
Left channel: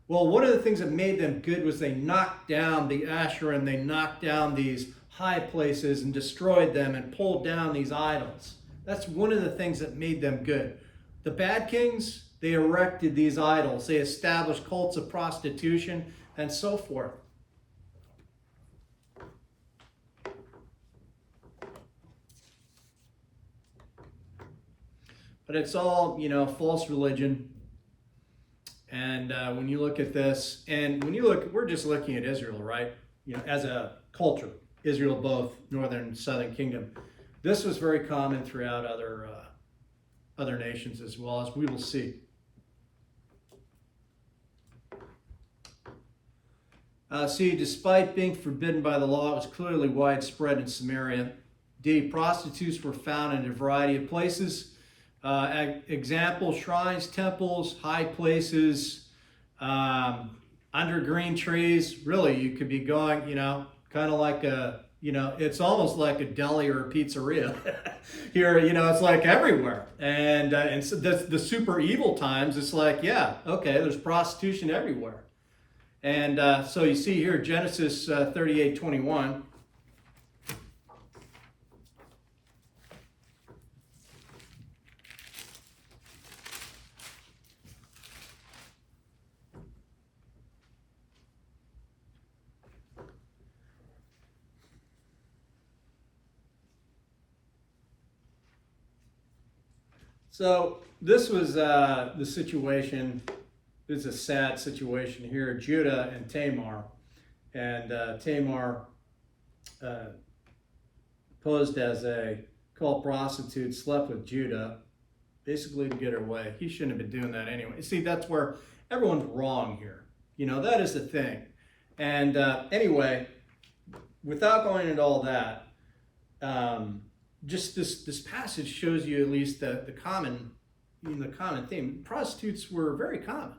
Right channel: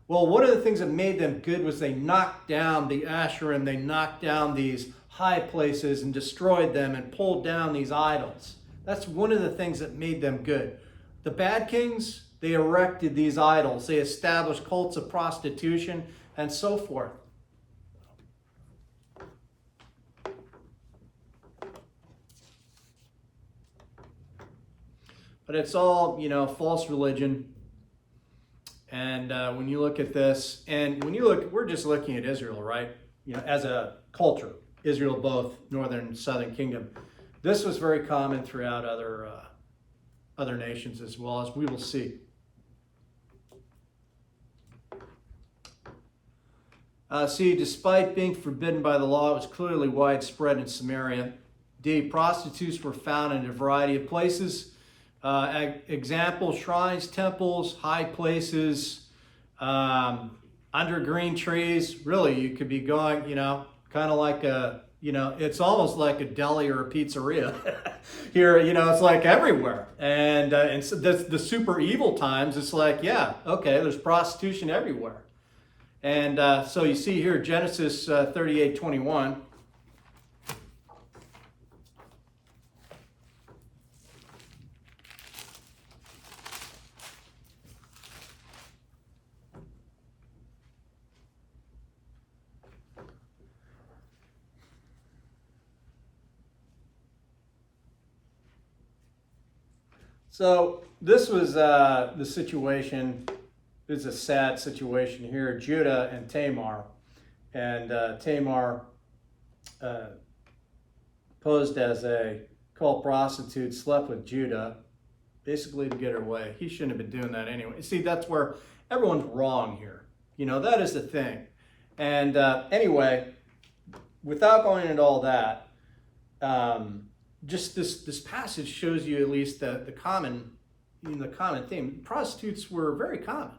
Well, one of the things that made them good was they knocked down the Asherim, they knocked down these high places and destroyed them and pulled down these idols. That's one of the things that made them good. The bad kings, they erected these idols. They established cults of prostitution and so forth. But it's all, false religion. And when you look at this, and we're just looking at Israel, right? As a culture, Israel, both northern and southern kingdom. This was very common throughout other nations as well, as we will see. Despite being forbidden by the law, it was clearly widespread in Samaria. Indeed, prostitutes were found in a variety of places. Example, shrines, temples, high places, under green trees. Really, you could be going, kind of like it's almost like a deli or a pizzeria. Here, it's like everywhere. And so the super evil times, it's like, there's prostitution everywhere. And so you see here, Genesis 38:21. So this was the situation. This is a sad situation here. Judah and Tamar. And Tamar posed as a cult prostitute, slept with Judah, basically to get her way. He shouldn't have been doing that anyway. See, that's where everyone's wrong here. That is the thing. And anyway, without going into all that, just this passage shows you at least the common theme. Prostitutes were very common.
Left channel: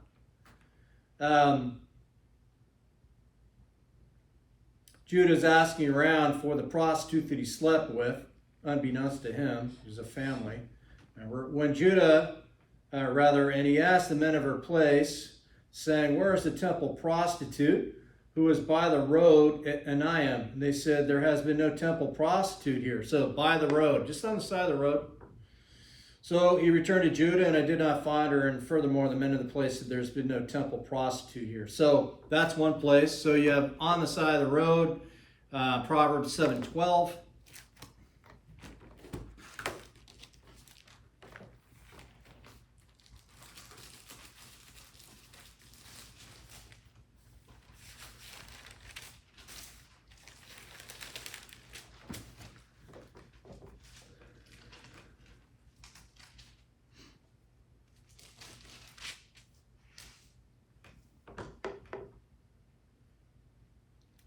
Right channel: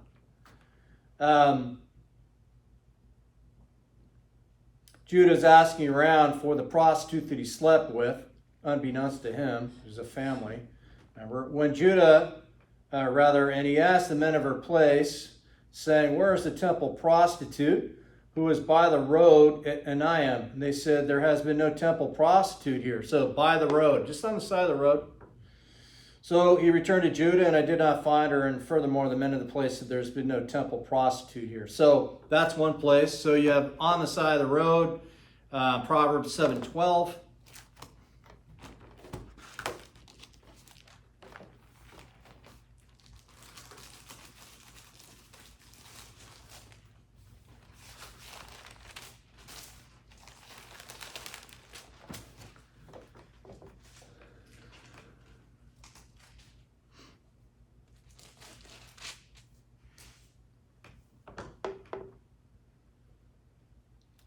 Judah's asking around for the prostitute that he slept with, unbeknownst to him. There's a family. When and he asked the men of her place, saying, "Where is the temple prostitute who was by the road at Anaim?" And they said, "There has been no temple prostitute here." So by the road, just on the side of the road. So he returned to Judah, and I did not find her. And furthermore, the men of the place said, there's been no temple prostitute here. So that's one place. So you have on the side of the road, Proverbs 7:12.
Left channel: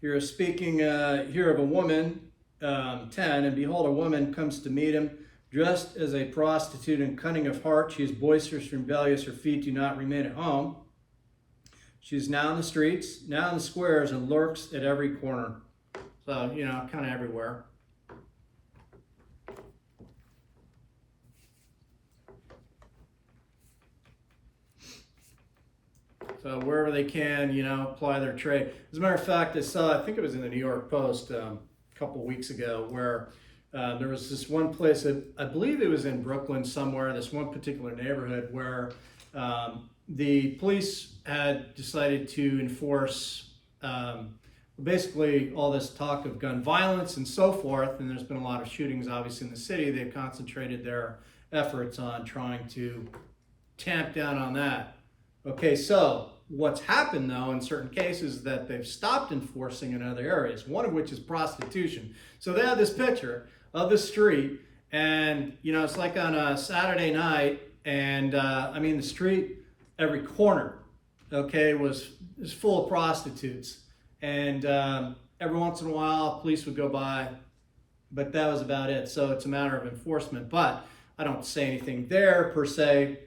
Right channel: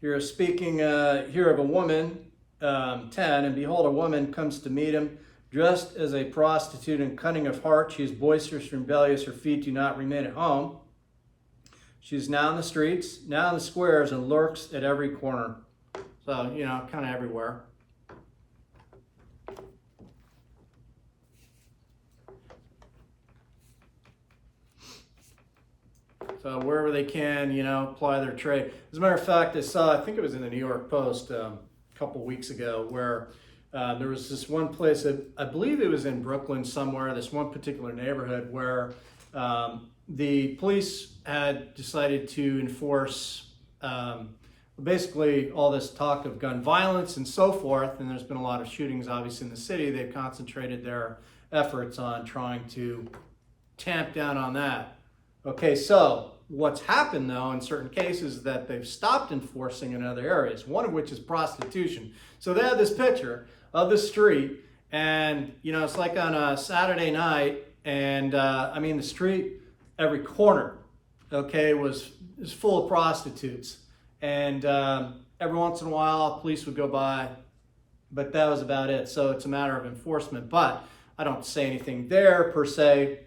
You're speaking here of a woman, 10, and behold, a woman comes to meet him, dressed as a prostitute and cunning of heart. She is boisterous and rebellious. Her feet do not remain at home. She is now in the streets, now in the squares, and lurks at every corner. So, kind of everywhere. So wherever they can, apply their trade. As a matter of fact, I think it was in the New York Post a couple weeks ago, where there was this one place that I believe it was in Brooklyn somewhere, this one particular neighborhood where the police had decided to enforce basically all this talk of gun violence and so forth. And there's been a lot of shootings, obviously, in the city. They've concentrated their efforts on trying to tamp down on that. Okay, so what's happened, though, in certain cases is that they've stopped enforcing in other areas, one of which is prostitution. So they have this picture of the street, and, it's like on a Saturday night, and, the street, every corner, okay, was full of prostitutes. And every once in a while, police would go by, but that was about it. So it's a matter of enforcement. But I don't say anything there, per se.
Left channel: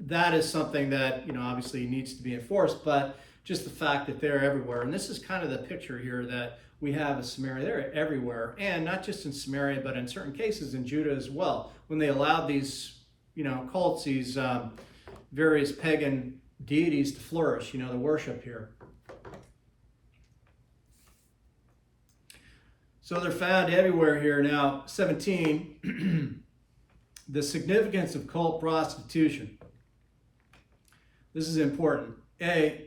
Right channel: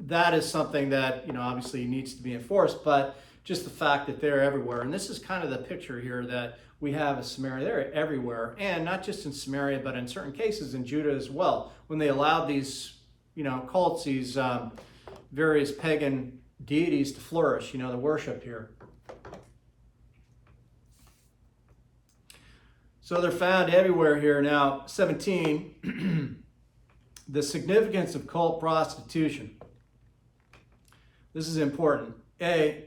That is something that, obviously needs to be enforced, but just the fact that they're everywhere. And this is kind of the picture here that we have of Samaria. They're everywhere, and not just in Samaria, but in certain cases in Judah as well. When they allowed these, cults, these various pagan deities to flourish, the worship here. So they're found everywhere here. Now, 17, the significance of cult prostitution. This is important.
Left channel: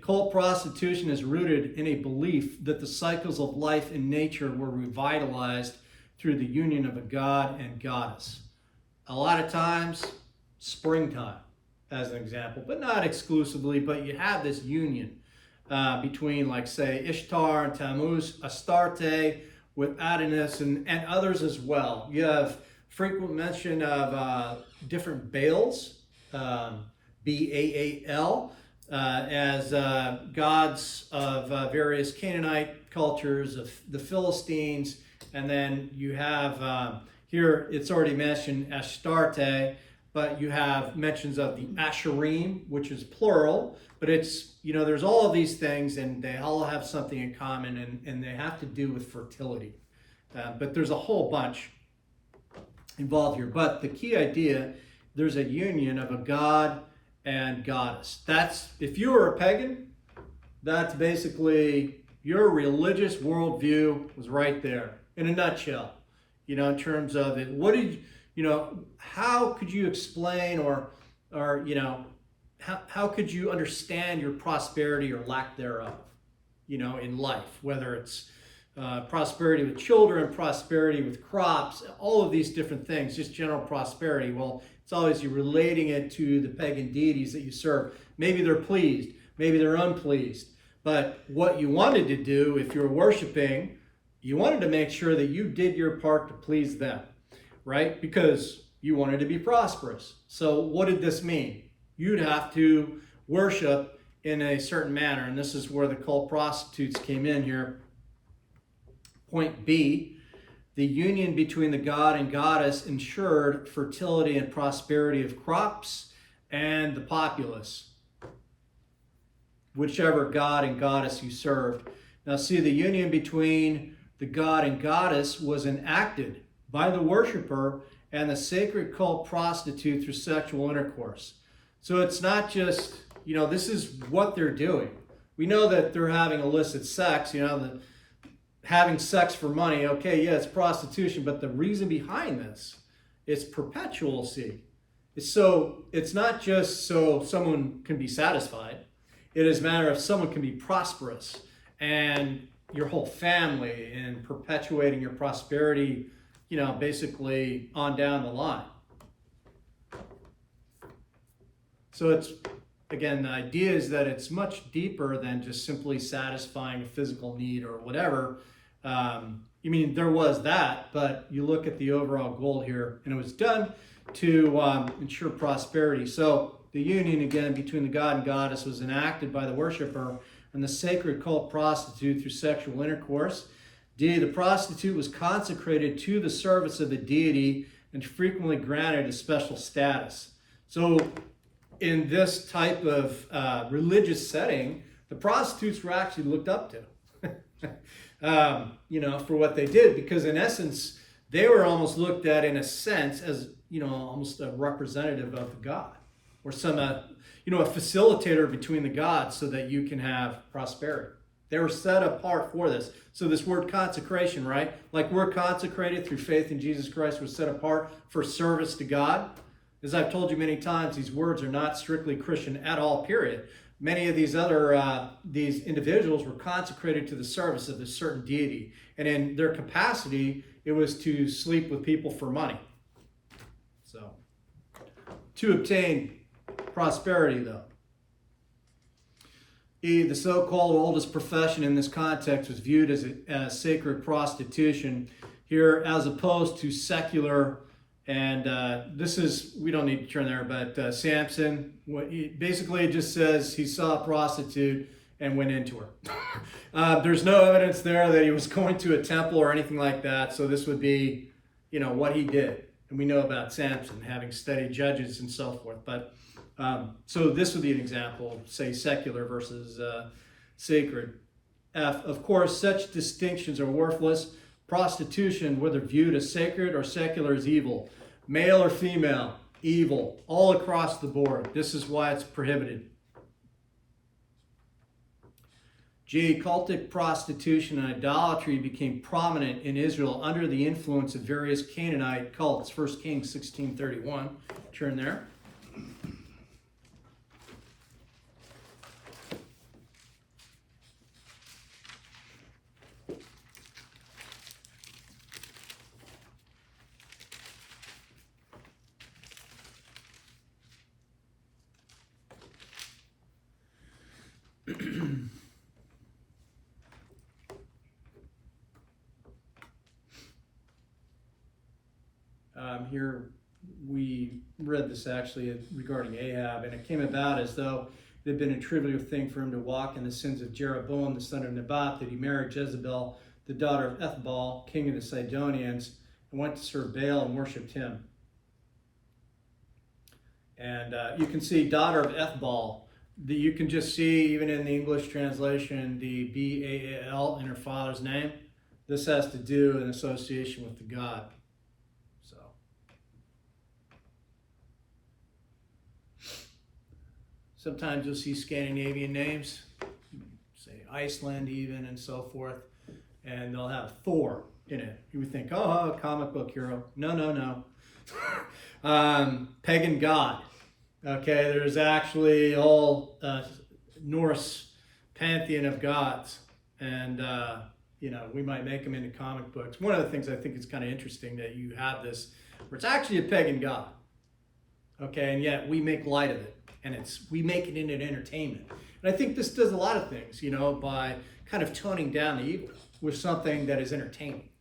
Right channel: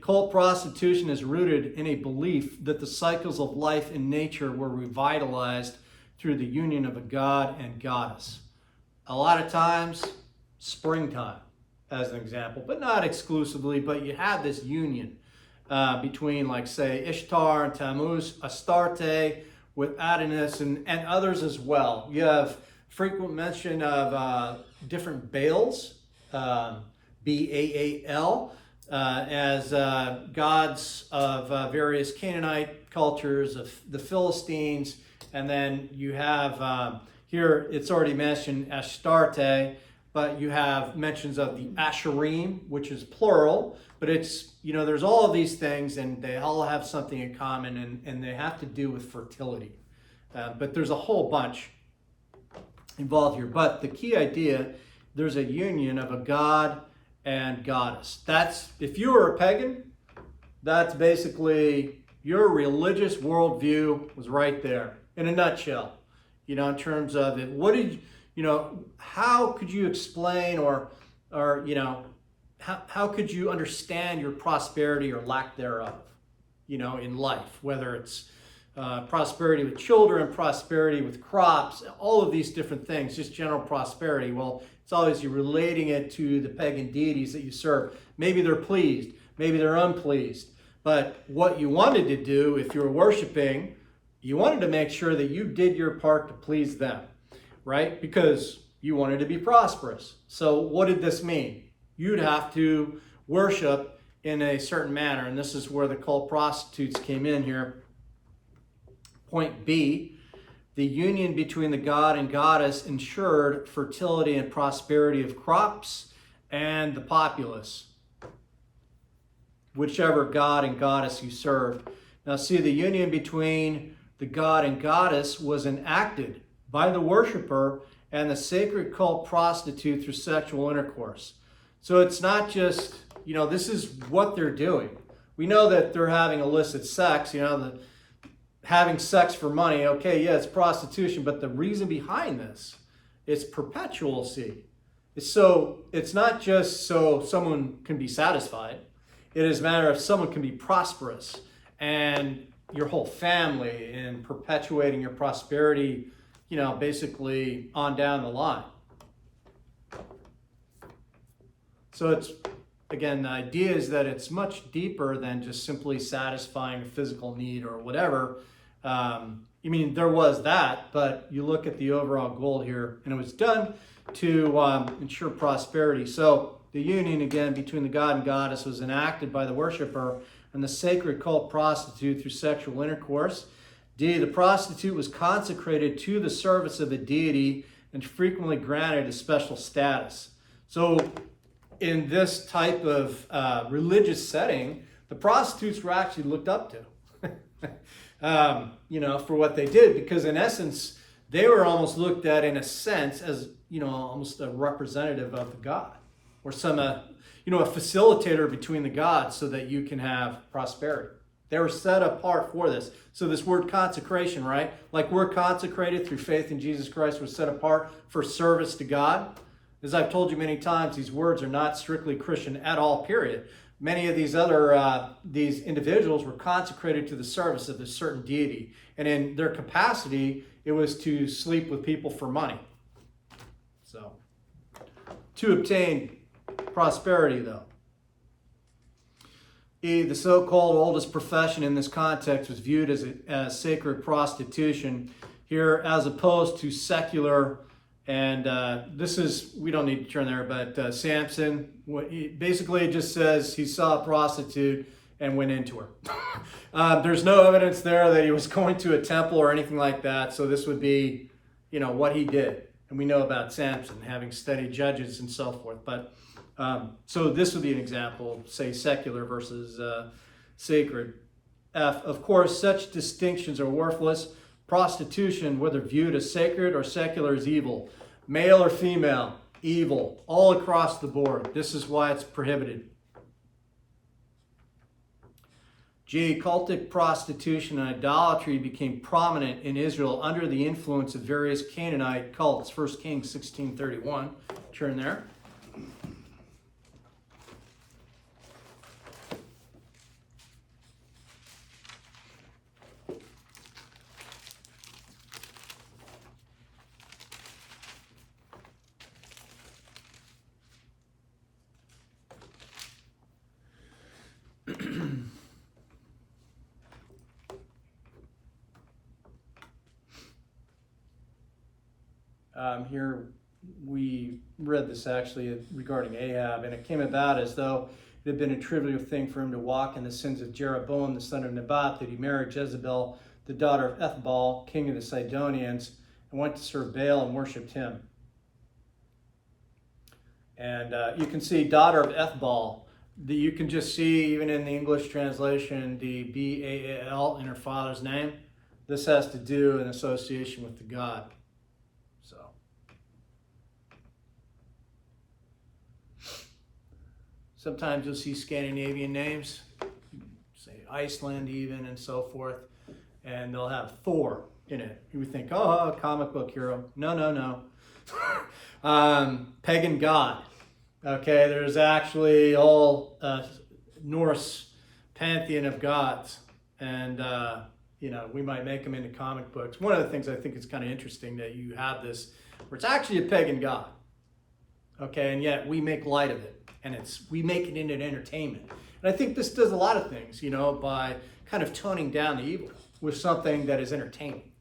Cult prostitution is rooted in a belief that the cycles of life and nature were revitalized through the union of a god and goddess. A lot of times, springtime, as an example, but not exclusively, but you have this union between, like, say, Ishtar and Tammuz, Astarte, with Adonis and others as well. You have frequent mention of different Baals, Baal, as gods of various Canaanite cultures, of the Philistines, and then you have here it's already mentioned Astarte, but you have mentions of the Asherim, which is plural, but it's, there's all of these things, and they all have something in common, and they have to do with fertility. But there's a whole bunch involved here. But the key idea, there's a union of a god and goddess. That's, if you were a pagan, that's basically your religious worldview was right there in a nutshell. In terms of it, what did how could you explain or how could you understand your prosperity or lack thereof, in life, whether it's prosperity with children, prosperity with crops, all of these different things, just general prosperity. Well, it's obviously relating it to the pagan deities that you serve. Maybe they're pleased, maybe they're unpleased. But what you wanted to do, if you're worshiping, you wanted to make sure that you did your part to please them, right? Because you wanted to be prosperous. So what did this mean? You'd have to worship in a certain manner. And this is where the cult prostitutes came in here. Point B, the union between the god and goddess ensured fertility and prosperity of crops and the populace, whichever god and goddess you served. Now see, the union between the god and goddess was enacted by the worshiper and the sacred cult prostitute through sexual intercourse. So it's not just, this is what they're doing. We know that they're having illicit sex, having sex for money. Okay, yeah, it's prostitution, but the reason behind this It's perpetual seed. It's not just so someone can be satisfied. It is a matter of someone can be prosperous and your whole family and perpetuating your prosperity, basically on down the line. So again, the idea is that it's much deeper than just simply satisfying a physical need or whatever. There was that, but you look at the overall goal here, and it was done to ensure prosperity. So the union, again, between the god and goddess was enacted by the worshiper and the sacred cult prostitute through sexual intercourse. The prostitute was consecrated to the service of the deity and frequently granted a special status. So in this type of religious setting, the prostitutes were actually looked up to, for what they did, because in essence, they were almost looked at in a sense as, almost a representative of the god, or some, a facilitator between the gods so that you can have prosperity. They were set apart for this. So this word consecration, right? Like we're consecrated through faith in Jesus Christ, we're set apart for service to God. As I've told you many times, these words are not strictly Christian at all, period. Many of these other, these individuals were consecrated to the service of a certain deity. And in their capacity, it was to sleep with people for money. So, to obtain prosperity, though. The so-called oldest profession in this context was viewed as sacred prostitution here, as opposed to secular. And this is, we don't need to turn there, but Samson, basically it just says he saw a prostitute and went into her. There's no evidence there that he was going to a temple or anything like that. So this would be, what he did. And we know about Samson, having studied Judges and so forth. But so this would be an example, say secular versus sacred. Of course, such distinctions are worthless. Prostitution, whether viewed as sacred or secular, is evil. Male or female, evil, all across the board. This is why it's prohibited. Cultic prostitution and idolatry became prominent in Israel under the influence of various Canaanite cults. 1 Kings 16:31. Turn there. Here we read this actually regarding Ahab, and it came about as though it had been a trivial thing for him to walk in the sins of Jeroboam, the son of Nebat, that he married Jezebel, the daughter of Ethbaal, king of the Sidonians, and went to serve Baal and worshipped him. And you can see daughter of Ethbaal. You can just see, even in the English translation, the B-A-A-L in her father's name. This has to do in association with the god. So, sometimes you'll see Scandinavian names, say Iceland even, and so forth, and they'll have Thor in it. You would think, oh, a comic book hero. No. Pagan god. Okay, there's actually all Norse pantheon of gods, and we might make them into comic books. One of the things I think is kind of interesting that you have this, where it's actually a pagan god, okay, and yet we make light of it, and we make it into entertainment. And I think this does a lot of things, by kind of toning down the evil with something that is entertaining.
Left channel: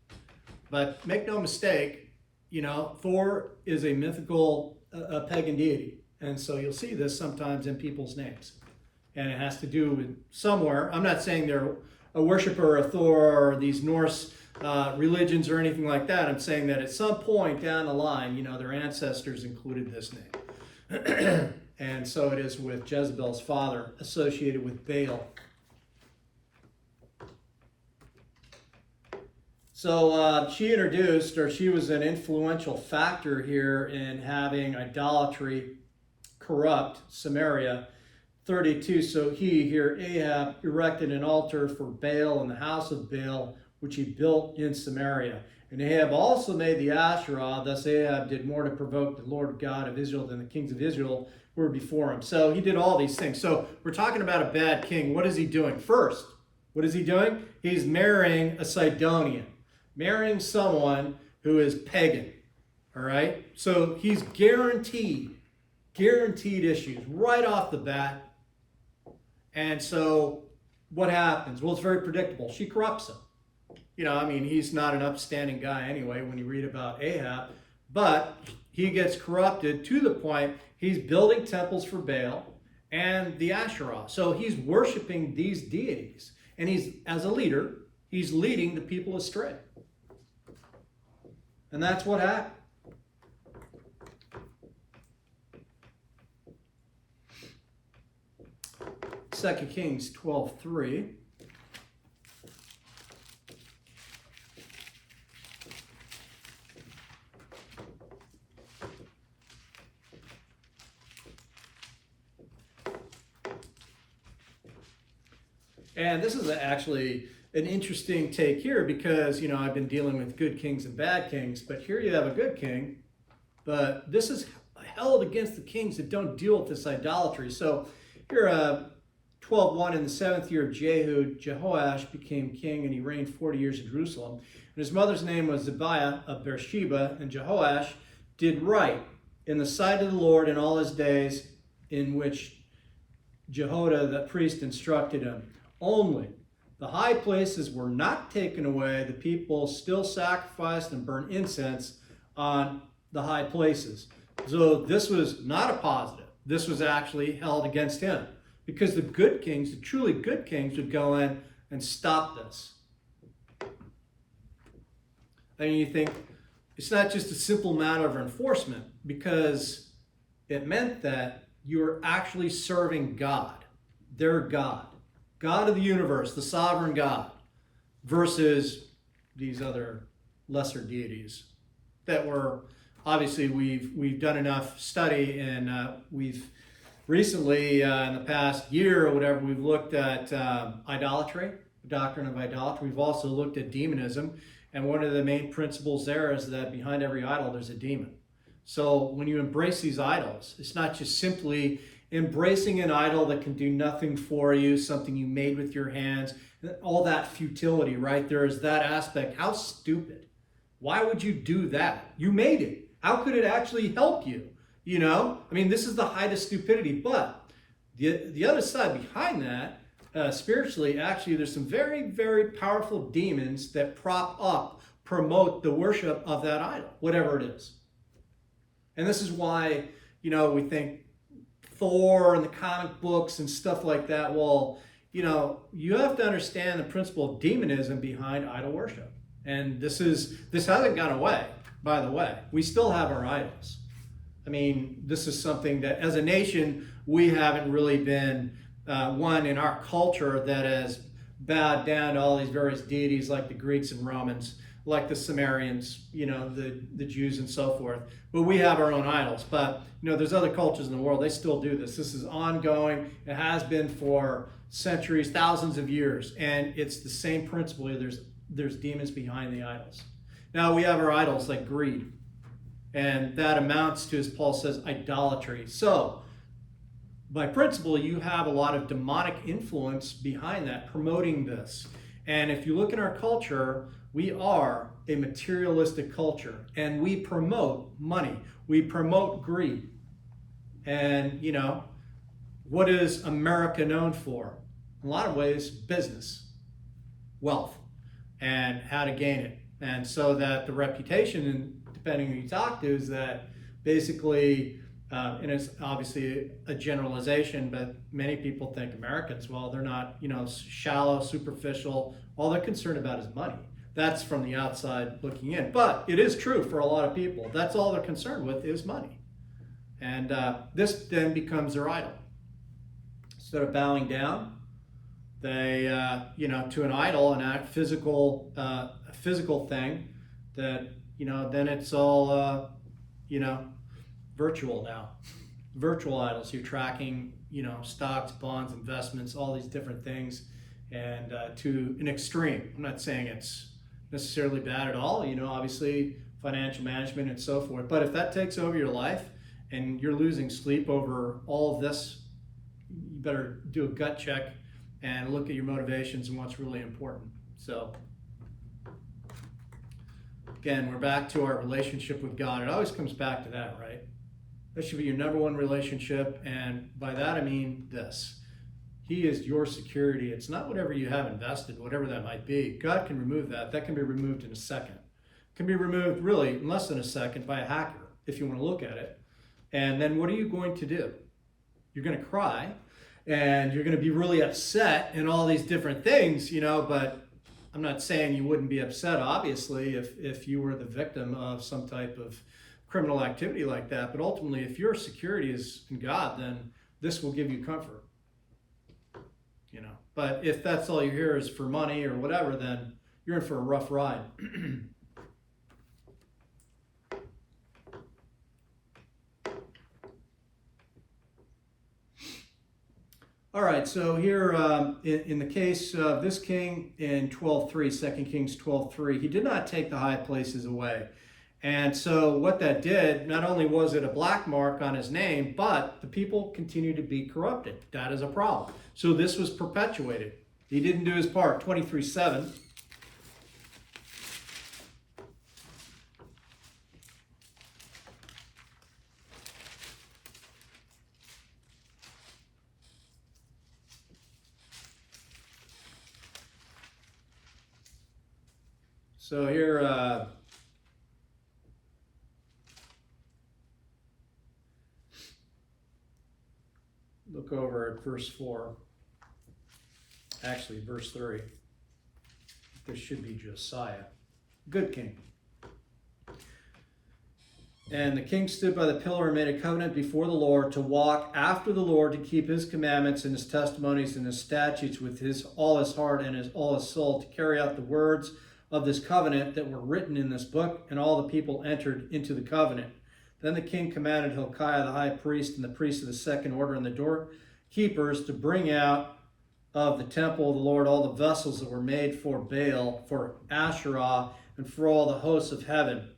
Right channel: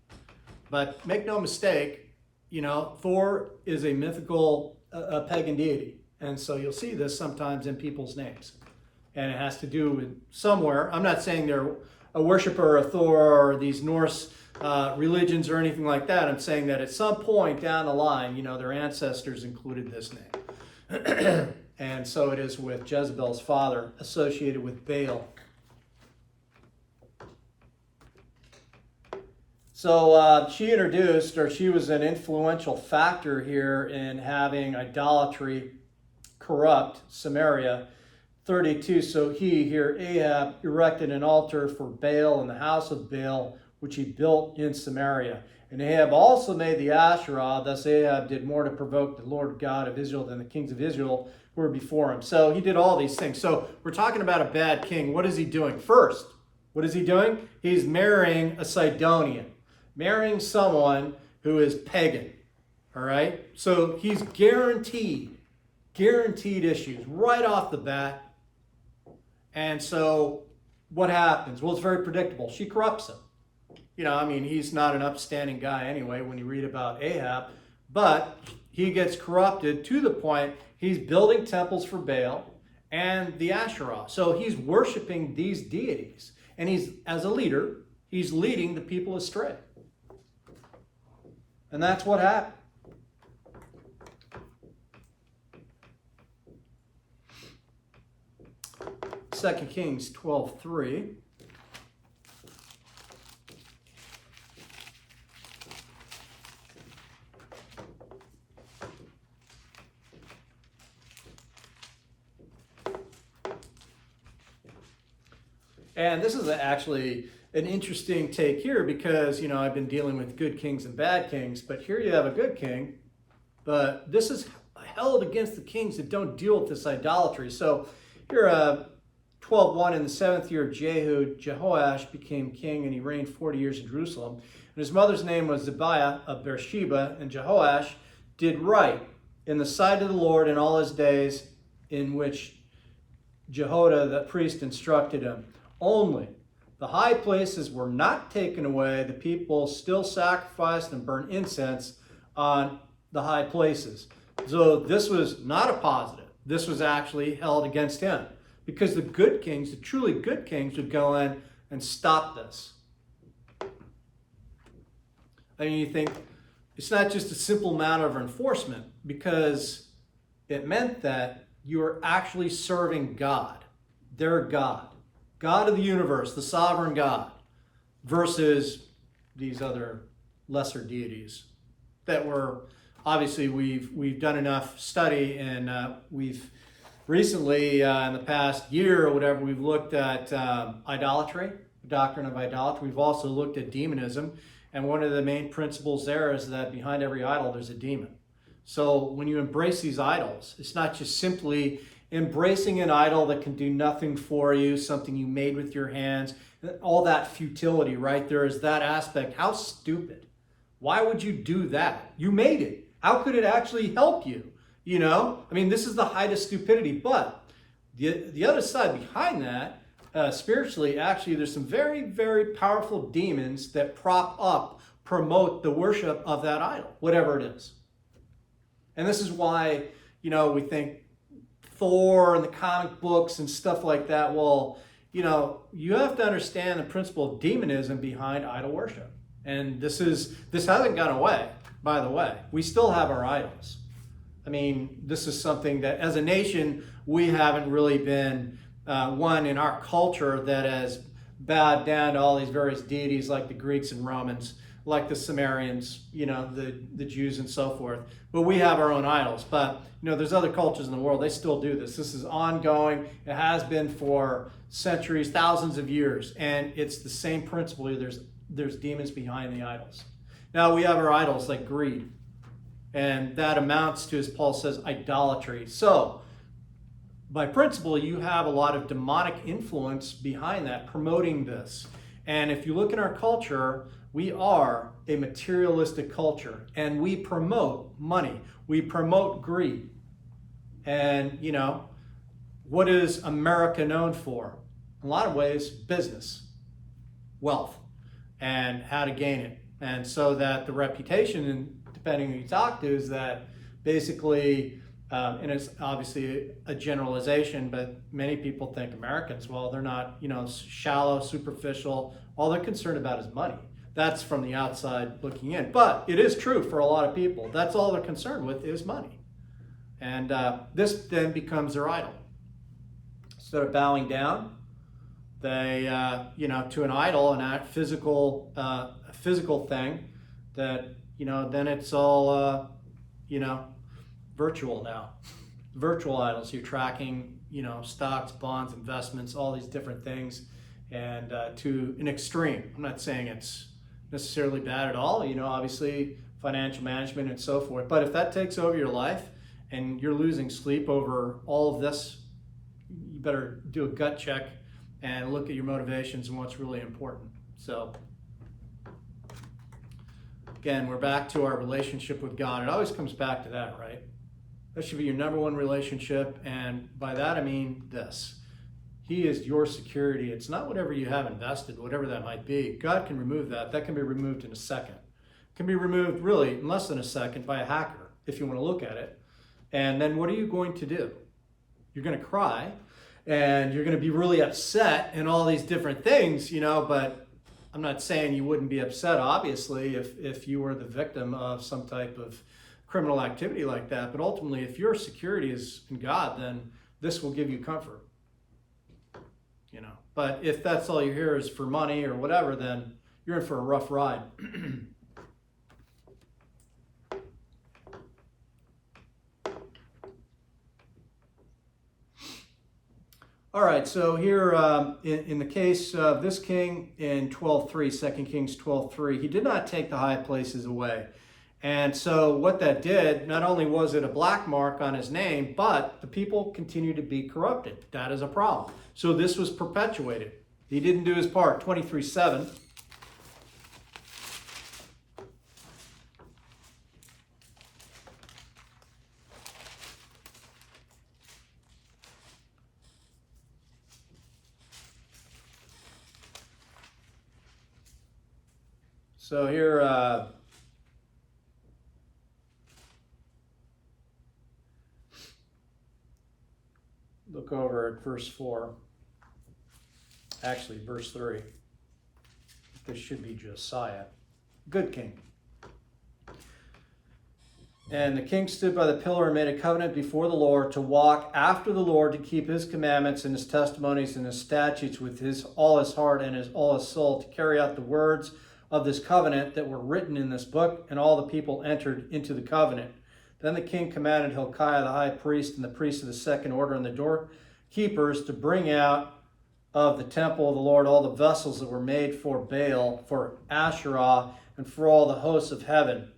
But make no mistake, Thor is a mythical pagan deity. And so you'll see this sometimes in people's names. And it has to do with somewhere. I'm not saying they're a worshiper of Thor or these Norse religions or anything like that. I'm saying that at some point down the line, their ancestors included this name. And so it is with Jezebel's father, associated with Baal. So she was an influential factor here in having idolatry corrupt Samaria. 32, so Ahab erected an altar for Baal in the house of Baal, which he built in Samaria. And Ahab also made the Asherah. Thus Ahab did more to provoke the Lord God of Israel than the kings of Israel who were before him. So he did all these things. So we're talking about a bad king. What is he doing? First, what is he doing? He's marrying a Sidonian, marrying someone who is pagan. All right? So he's guaranteed issues right off the bat. And so what happens? Well, it's very predictable. She corrupts him. He's not an upstanding guy anyway when you read about Ahab, but he gets corrupted to the point he's building temples for Baal and the Asherah. So he's worshiping these deities. And he's, as a leader, he's leading the people astray. And that's what happened. Second Kings 12:3. And this is actually an interesting take here because, I've been dealing with good kings and bad kings, but here you have a good king, but this is held against the kings that don't deal with this idolatry. So here, 12:1, in the 7th year of Jehu, Jehoash became king, and he reigned 40 years in Jerusalem. And his mother's name was Zibiah of Beersheba, and Jehoash did right in the sight of the Lord in all his days, in which Jehoiada the priest instructed him. Only the high places were not taken away. The people still sacrificed and burned incense on the high places. So this was not a positive. This was actually held against him because the good kings, the truly good kings, would go in and stop this. And you think it's not just a simple matter of enforcement, because it meant that you were actually serving God, their God. God of the universe, the sovereign God, versus these other lesser deities that were, obviously we've done enough study, and we've recently, in the past year or whatever, we've looked at idolatry, the doctrine of idolatry. We've also looked at demonism, and one of the main principles there is that behind every idol there's a demon. So when you embrace these idols, it's not just simply embracing an idol that can do nothing for you, something you made with your hands, all that futility, right? There is that aspect. How stupid. Why would you do that? You made it. How could it actually help you? This is the height of stupidity. But the other side behind that, spiritually, actually, there's some very, very powerful demons that promote the worship of that idol, whatever it is. And this is why, we think Thor and the comic books and stuff like that. Well, you have to understand the principle of demonism behind idol worship. And this hasn't gone away, by the way. We still have our idols. This is something that as a nation, we haven't really been one in our culture that has bowed down to all these various deities like the Greeks and Romans, like the Sumerians, the Jews and so forth. But we have our own idols. But, there's other cultures in the world, they still do this. This is ongoing. It has been for centuries, thousands of years. And it's the same principle. There's demons behind the idols. Now we have our idols like greed. And that amounts to, as Paul says, idolatry. So, by principle, you have a lot of demonic influence behind that, promoting this. And if you look in our culture, we are a materialistic culture, and we promote money. We promote greed. And, what is America known for? In a lot of ways, business, wealth, and how to gain it. And so that the reputation, and depending who you talk to, is that basically, and it's obviously a generalization, but many people think Americans, well, they're not, shallow, superficial. All they're concerned about is money. That's from the outside looking in. But it is true for a lot of people. That's all they're concerned with is money. And this then becomes their idol. Instead of bowing down, they, to an idol, and that physical thing, that, then it's all, virtual now. Virtual idols. You're tracking, stocks, bonds, investments, all these different things, and to an extreme. I'm not saying it's, necessarily bad at all. Obviously financial management and so forth. But if that takes over your life and you're losing sleep over all of this, you better do a gut check and look at your motivations and what's really important. So again, we're back to our relationship with God. It always comes back to that, right? That should be your number one relationship. And by that, I mean this. He is your security. It's not whatever you have invested, whatever that might be. God can remove that. That can be removed in a second. It can be removed really in less than a second by a hacker, if you want to look at it. And then what are you going to do? You're going to cry, and you're going to be really upset and all these different things, but I'm not saying you wouldn't be upset, obviously, if you were the victim of some type of criminal activity like that. But ultimately, if your security is in God, then this will give you comfort. But if that's all you hear is for money or whatever, then you're in for a rough ride. All right, so here in the case of this king in 12:3, 2 Kings 12:3, he did not take the high places away. And so what that did, not only was it a black mark on his name, but the people continued to be corrupted. That is a problem. So this was perpetuated. He didn't do his part. 23:7. So here, look over at verse 4. Actually, verse 3. This should be Josiah. Good king. And the king stood by the pillar and made a covenant before the Lord to walk after the Lord, to keep his commandments and his testimonies and his statutes with all his heart and all his soul, to carry out the words of this covenant that were written in this book. And all the people entered into the covenant. Then the king commanded Hilkiah the high priest and the priests of the second order and the doorkeepers to bring out of the temple of the Lord all the vessels that were made for Baal, for Asherah, and for all the hosts of heaven,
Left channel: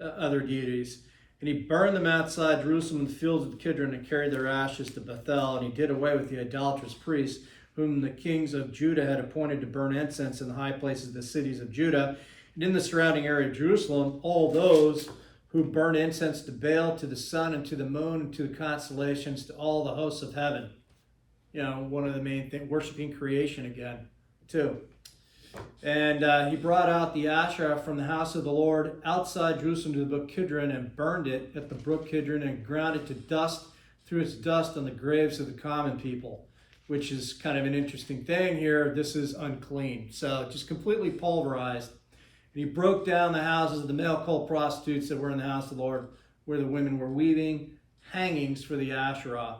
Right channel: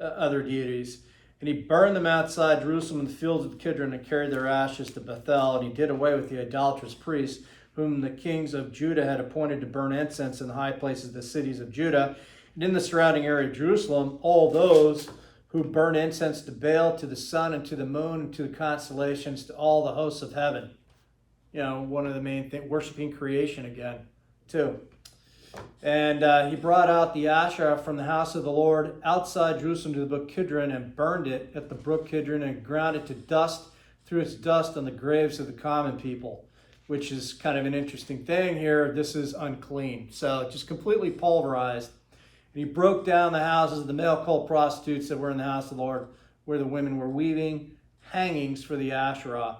other deities. And he burned them outside Jerusalem in the fields of Kidron, and carried their ashes to Bethel. And he did away with the idolatrous priests, whom the kings of Judah had appointed to burn incense in the high places of the cities of Judah. And in the surrounding area of Jerusalem, all those who burn incense to Baal, to the sun, and to the moon, and to the constellations, to all the hosts of heaven. One of the main things, worshiping creation again, too. And he brought out the Asherah from the house of the Lord outside Jerusalem to the brook Kidron, and burned it at the brook Kidron, and ground it to dust, threw its dust on the graves of the common people, which is kind of an interesting thing here. This is unclean. So just completely pulverized. And he broke down the houses of the male cult prostitutes that were in the house of the Lord, where the women were weaving hangings for the Asherah.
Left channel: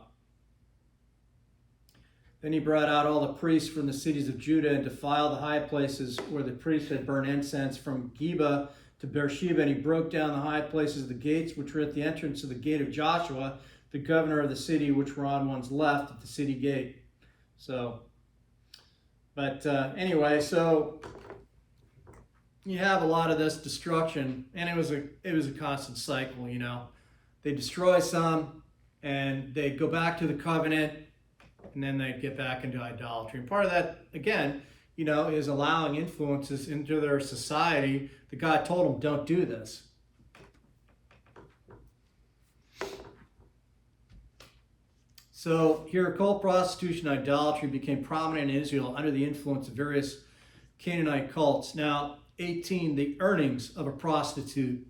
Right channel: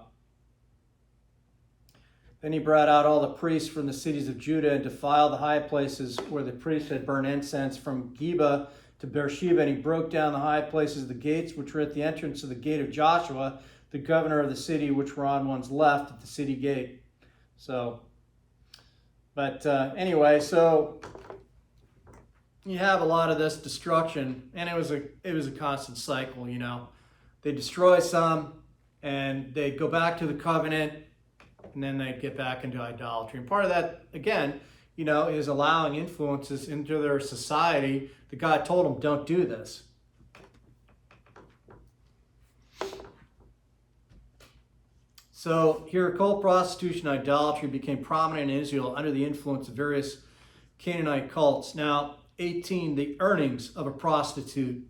Then he brought out all the priests from the cities of Judah and defiled the high places where the priests had burned incense, from Geba to Beersheba. And he broke down the high places of the gates, which were at the entrance of the gate of Joshua, the governor of the city, which were on one's left at the city gate. Anyway, so you have a lot of this destruction, and it was a constant cycle. They destroy some, and they go back to the covenant, and then they get back into idolatry. And part of that, again, is allowing influences into their society that God told them, don't do this. So here, occult prostitution and idolatry became prominent in Israel under the influence of various Canaanite cults. Now, 18, the earnings of a prostitute.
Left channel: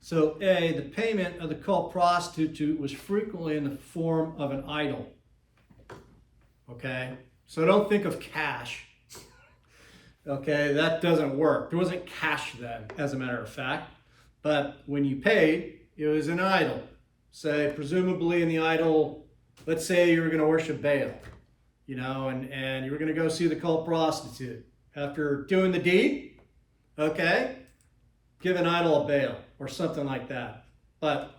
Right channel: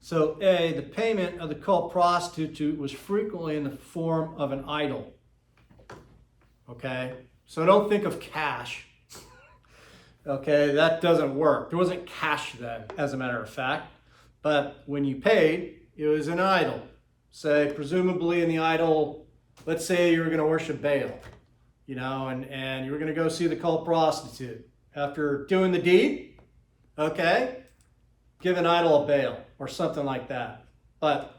So the payment of the cult prostitute was frequently in the form of an idol. Okay, so don't think of cash. Okay, that doesn't work. There wasn't cash then, as a matter of fact. But when you paid, it was an idol. Say, presumably in the idol, let's say you were going to worship Baal, and you were going to go see the cult prostitute. After doing the deed, okay, give an idol a Baal or something like that. But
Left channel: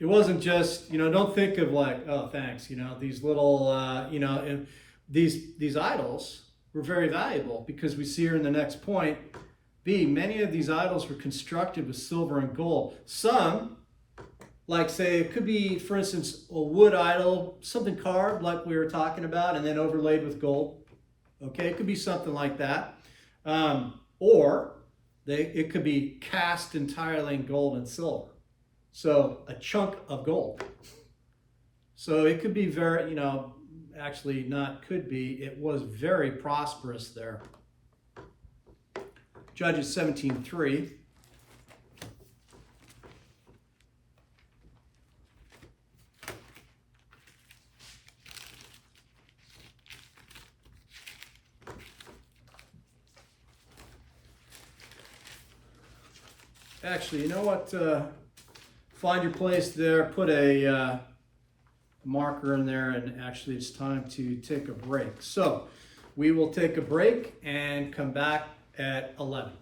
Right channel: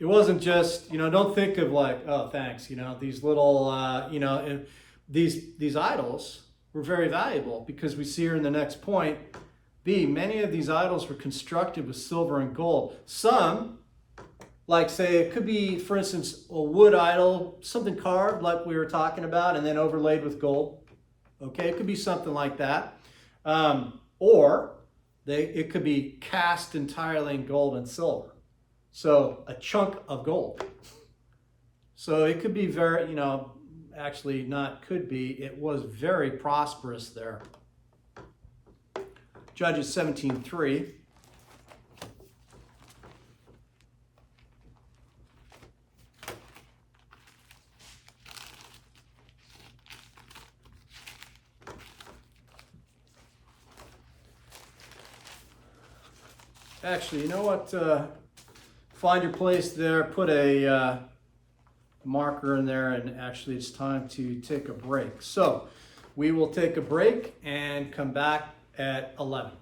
it wasn't just, don't think of like, oh, thanks, these little, these idols were very valuable, because we see here in the next point, B, many of these idols were constructed with silver and gold. Some, like say, it could be, for instance, a wood idol, something carved like we were talking about, and then overlaid with gold. Okay, it could be something like that. Or it could be cast entirely in gold and silver. So a chunk of gold. So it could be very, actually not could be, it was very prosperous there. Judges 17:3. Actually, you know what? Find your place there, put a marker in there, and actually it's time to take a break. So we will take a break and come back at 11.